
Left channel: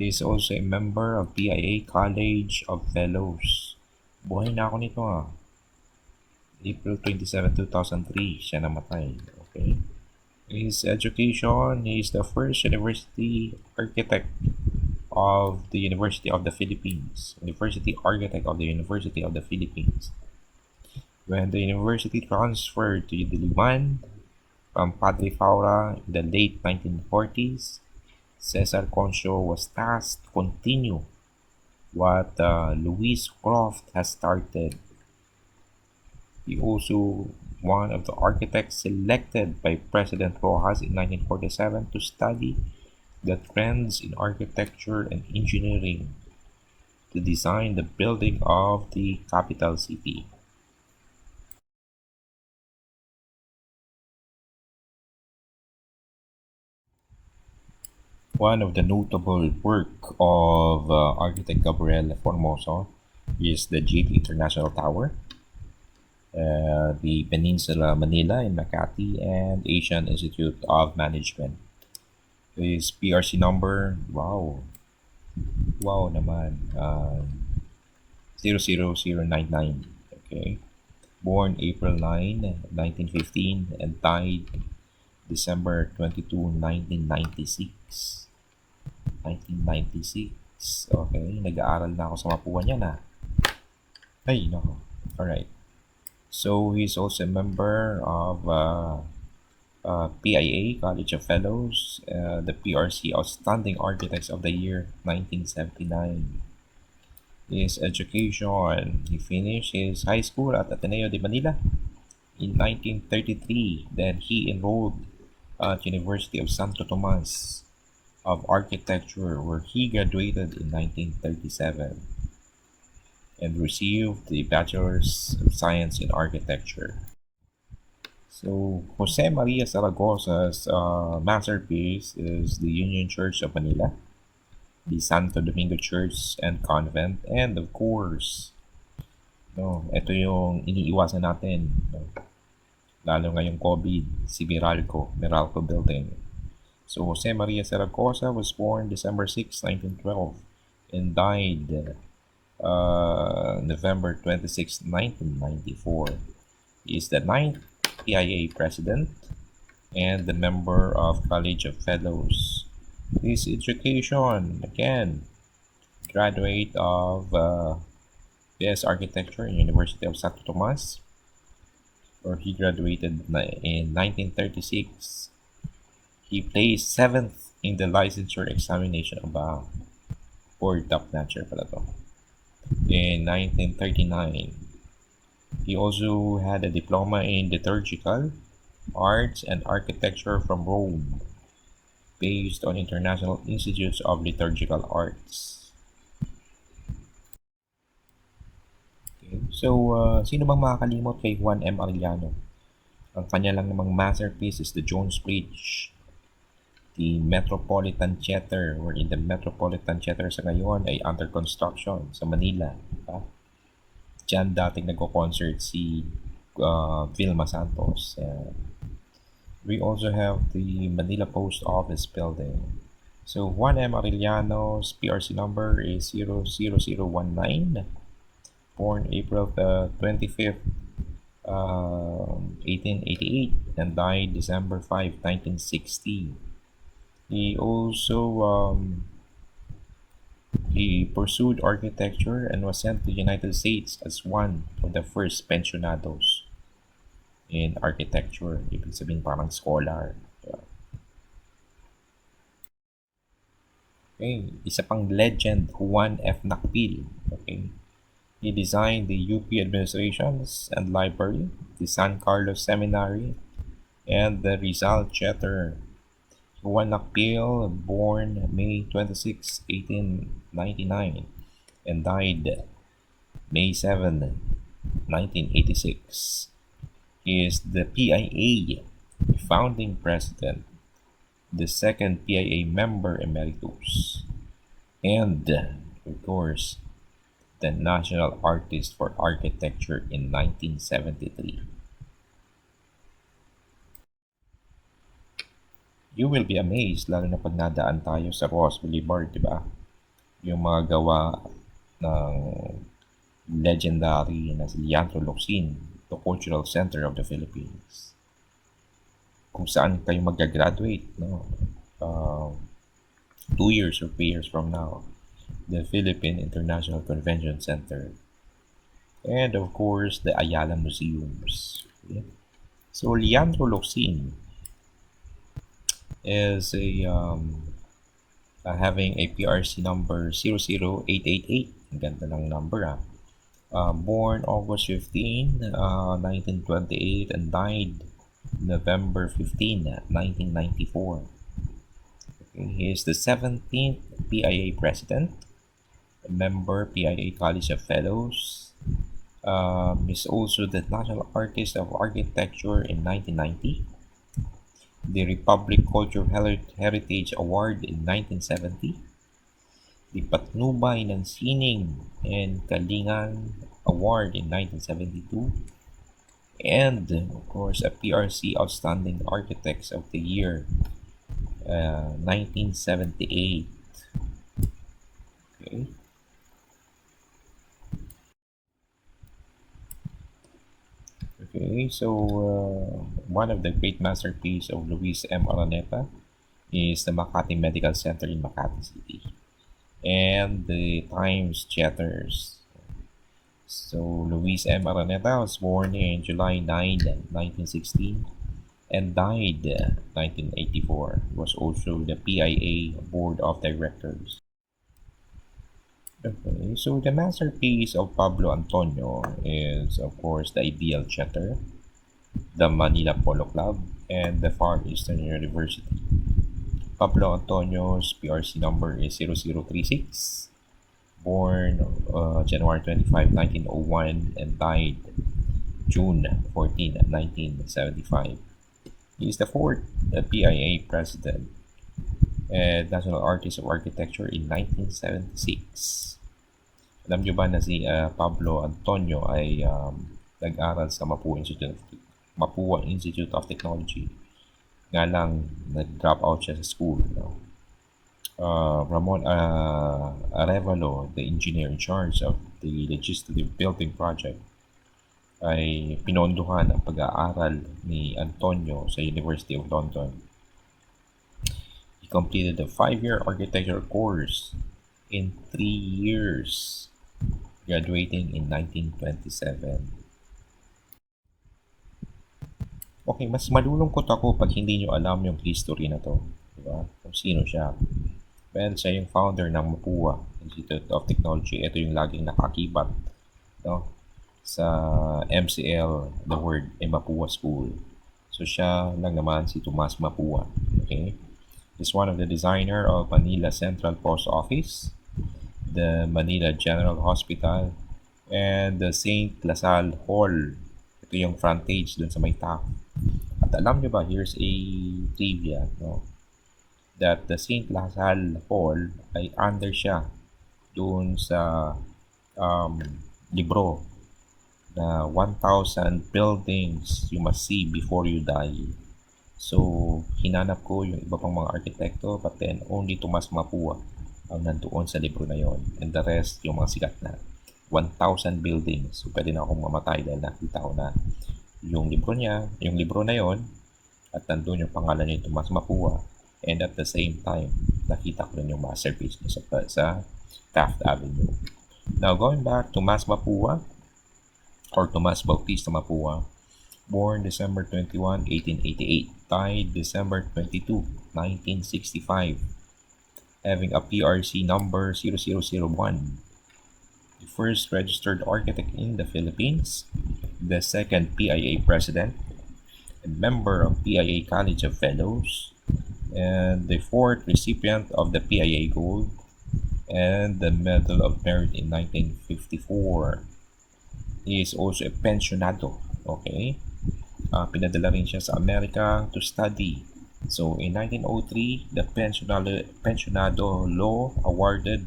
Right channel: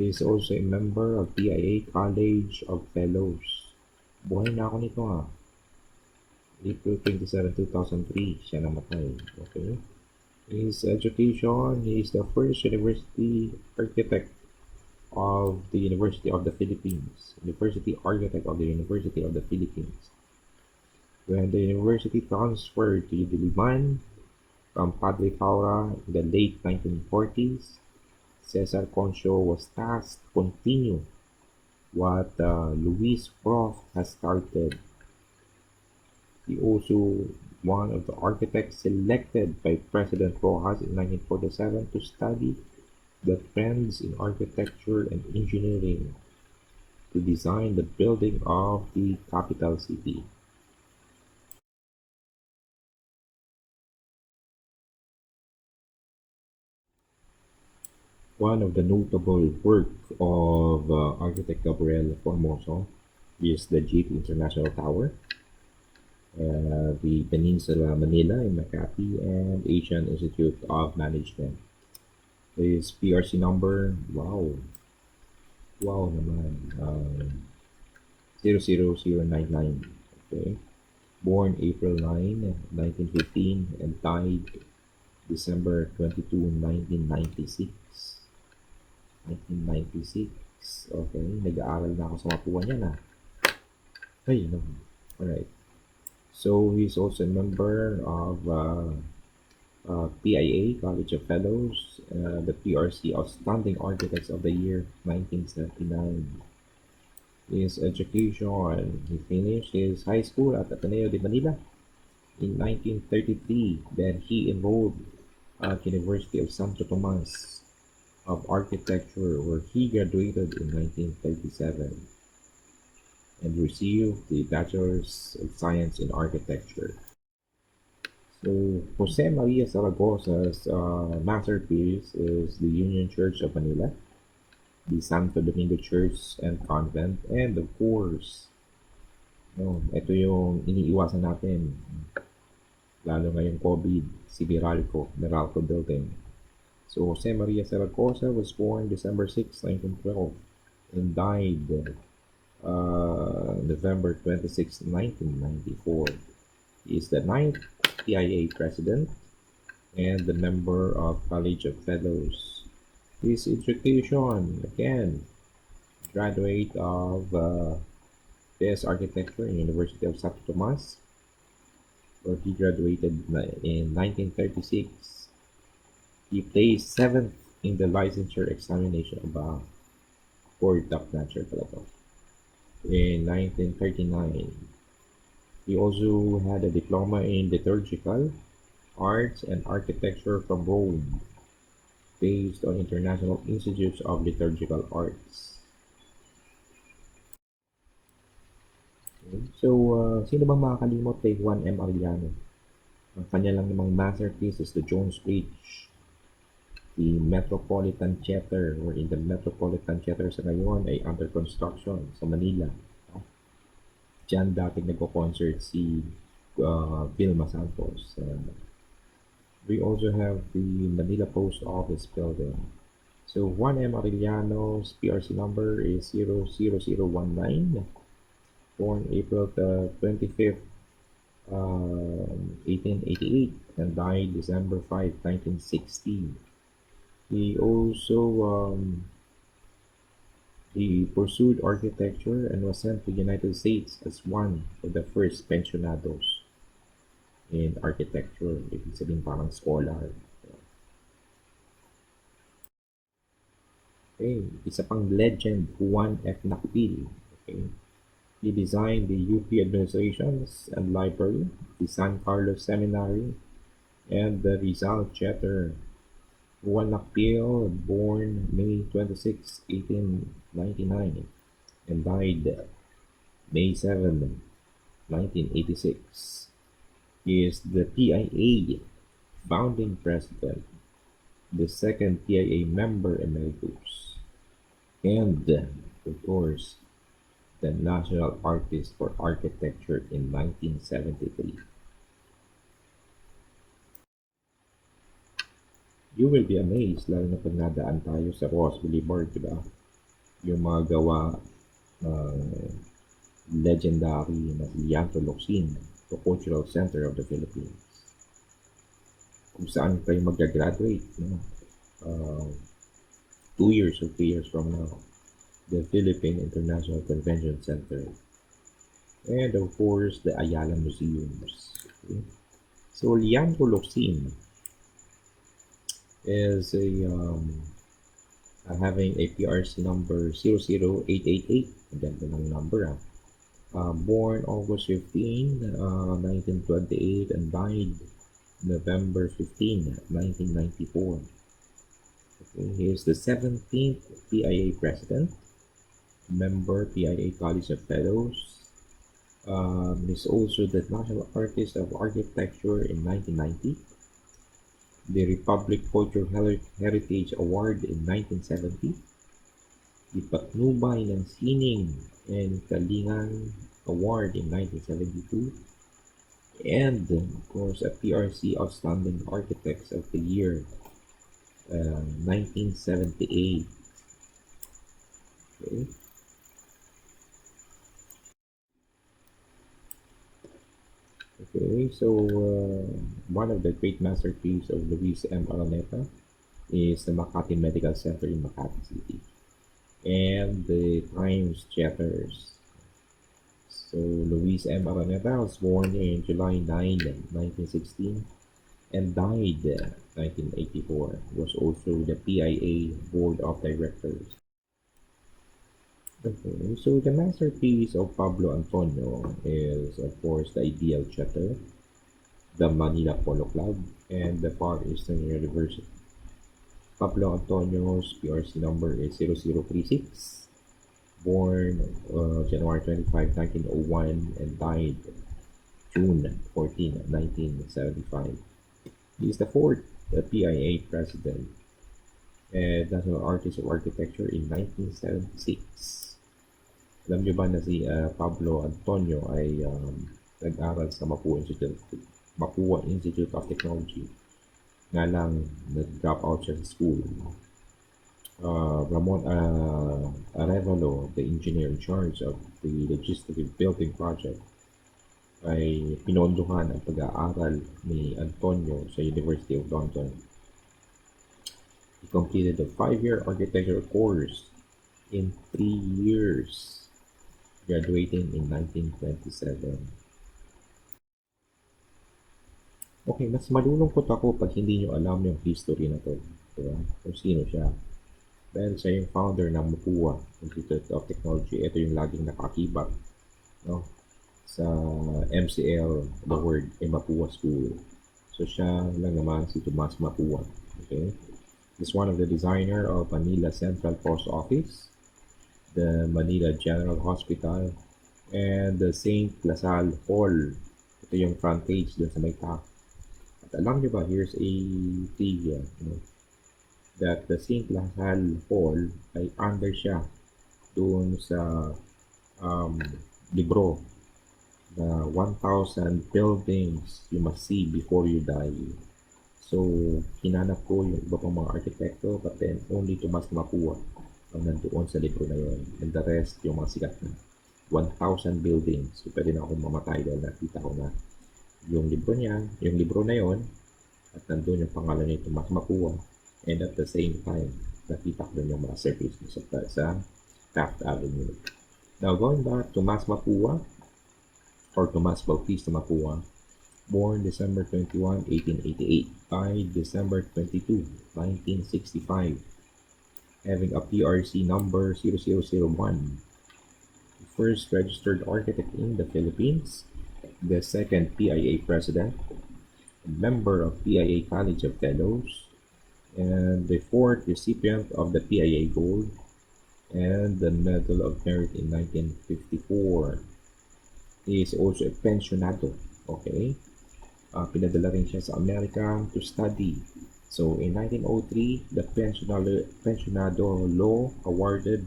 He is also a member of PIA College of Fellows. Buhay na ako nito April 27, 2003, siya namatay. Okay. His education, he is the first university architect of the University of the Philippines. University architect of the University of the Philippines. When the university transferred to Diliman from Padre Faura in the late 1940s, Cesar Concho was tasked to continue what Louis Croft has started. He also one of the architects selected by President Rojas in 1947 to study the trends in architecture and engineering to design the building of the capital city. One of the notable work of architect Gabriel Formoso is the JP International Tower, the Peninsula Manila in Makati, and Asian Institute of Management. His PRC number, wow naman, 00099. Okay, born April 9, 1915 and died December 22, 1996. 1996. Okay, nag-aaral na ako sa Mapua niya Ay, no. Alright. So, he's also a member of PIA, College of Fellows, the PRC Outstanding Architects of the Year 1979. His education, he finished his high school at Ateneo de Manila in 1933. Then he enrolled at University of Santo Tomas of Architecture, where he graduated in 1937 and received the Bachelor's of Science in Architecture. So, Jose Maria Zaragoza's masterpiece is the Union Church of Manila, the Santo Domingo Church and Convent, and of course, ito yung iniiwasan natin, lalo ngayong COVID, si Meralco Building. So, Jose Maria Zaragoza was born December 6, 1912 and died November 26, 1994. He is the 9th PIA president and the member of College of Fellows. His education, again, graduate of BS Architecture in University of Santo Tomas, where he graduated in 1936. He placed 7th in the licensure examination of or top-notcher pala to. In 1939, he also had a diploma in liturgical arts and architecture from Rome, based on International Institutes of Liturgical Arts. Okay. So, sino bang makakalimot kay Juan M. Arellano? Ang kanya lang namang masterpiece is the Jones Bridge, the Metropolitan Theater, wherein the Metropolitan Theater sa ngayon ay under construction sa Manila. Diba? Diyan dating nagko-concert si Vilma Santos. We also have the Manila Post Office building. So Juan M. Arellano's PRC number is 00019, born April the 25th, 1888, and died December 5, 1960. He also he pursued architecture and was sent to the United States as one of the first pensionados in architecture. Ibig sabihin parang scholar. Okay, isa pang legend, Juan F. Nakpil. Okay. He designed the UP administrations and library, the San Carlos Seminary, and the Rizal Theater. Juan Nakpil, born May 26, 1899, and died May 7, 1986. He is the PIA founding president, the second PIA member emeritus, and, of course, the National Artist for Architecture in 1973. You will be amazed, lalo na pag nadaan tayo sa Ross Boulevard, di ba? Yung mga gawa ng legendary na si Leandro Locsin, the Cultural Center of the Philippines. Kung saan kayo mag-graduate, no? 2 years or 3 years from now, the Philippine International Convention Center, and of course the Ayala Museums. Okay? So Leandro Locsin is having a PRC number 00888. Ang ganda ng number. Born August 15, 1928, and died November 15, 1994. Okay, he is the 17th PIA president, member PIA College of Fellows. Is also the National Artist of Architecture in 1990, the Republic Cultural Heritage Award in 1970, the Patnubay ng Sining and Kalingan Award in 1972, and of course a PRC Outstanding Architects of the Year 1978. Okay. Okay, so one of the great masterpieces of Luis M. Araneta is the Makati Medical Center in Makati City, and the Times Theaters. So Luis M. Araneta was born in July 9, 1916, and died 1984. He was also the PIA Board of Directors. Okay, so the masterpiece of Pablo Antonio is, of course, the Ideal Theater, the Manila Polo Club, and the Far Eastern University. Pablo Antonio's PRC number is 0036, born January 25, 1901, and died June 14, 1975. He is the fourth PIA president and National Artist of Architecture in 1976. Alam nyo ba na si Pablo Antonio ay nag-aral sa Mapua Institute of Technology. Nga lang, nag-drop out siya sa school. No? Ramon Arevalo, the engineer in charge of the legislative building project, ay pinondohan ang pag-aaral ni Antonio sa University of London. He completed a 5-year architecture course in 3 years. graduating in 1927. Okay, mas malulungkot ako pag hindi nyo alam yung history na to. Diba? Kung sino siya. Well, siya yung founder ng MUPUA, Institute of Technology. Ito yung laging nakakibat, no? Sa MCL, the word, Mapua School. So siya lang naman si Tomas Mapua. Okay? He's one of the designer of Manila Central Post Office, the Manila General Hospital, and the St. Lasal Hall. Ito yung frontage dun sa may top. At alam nyo ba, here's a trivia, no? That the St. Lasal Hall ay under siya doon sa um, libro na 1,000 buildings you must see before you die. So, hinanap ko yung iba pang mga arkitekto, but then only Tomas Mapua ang nandoon sa libro na yon. And the rest, yung mga sikat na 1,000 buildings. So, pwede na akong mamatay dahil nakita ko na yung libro niya, yung libro na yon, at nandun yung pangalan ni Tomas Mapua. And at the same time, nakita ko din yung masterpiece niya sa Taft Avenue. Now, going back to Tomas Mapua, or Tomas Bautista Mapua, born December 21, 1888, died December 22, 1965, having a PRC number 0001, the first registered architect in the Philippines, the second PIA president, a member of PIA College of Fellows, and the fourth recipient of the PIA Gold and the Medal of Merit in 1954. He is also a pensionado. Okay? Pinadala rin siya sa Amerika to study. So, in 1903, the pensionado law awarded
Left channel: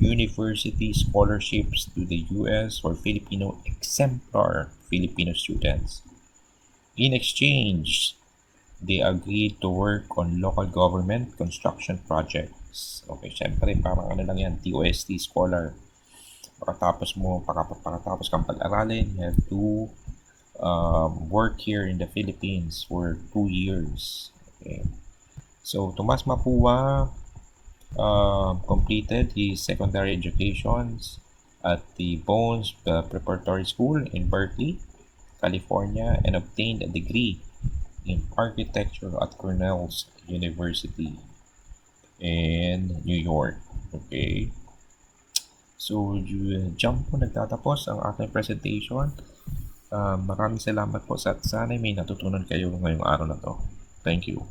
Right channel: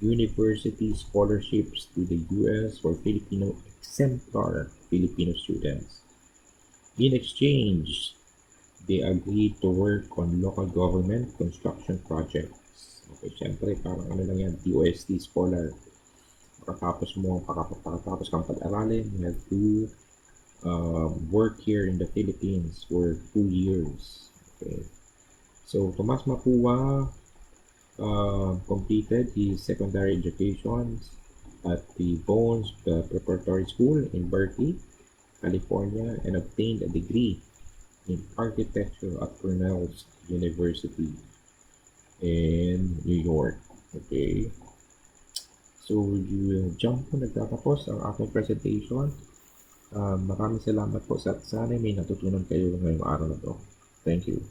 university scholarships to the U.S. for Filipino exemplar Filipino students. In exchange, they agreed to work on local government construction projects. Okay, syempre, parang ano lang yan, TOST scholar. Pagkatapos kang pag-aralin, you have to work here in the Philippines for 2 years. Okay. So, Tomas Mapua completed his secondary education at the Bones Preparatory School in Berkeley, California, and obtained a degree in architecture at Cornell's University in New York. Okay. So, dyan po nagtatapos ang ating presentation. Maraming salamat po sa sana may natutunan kayo ngayong araw na to. Thank you.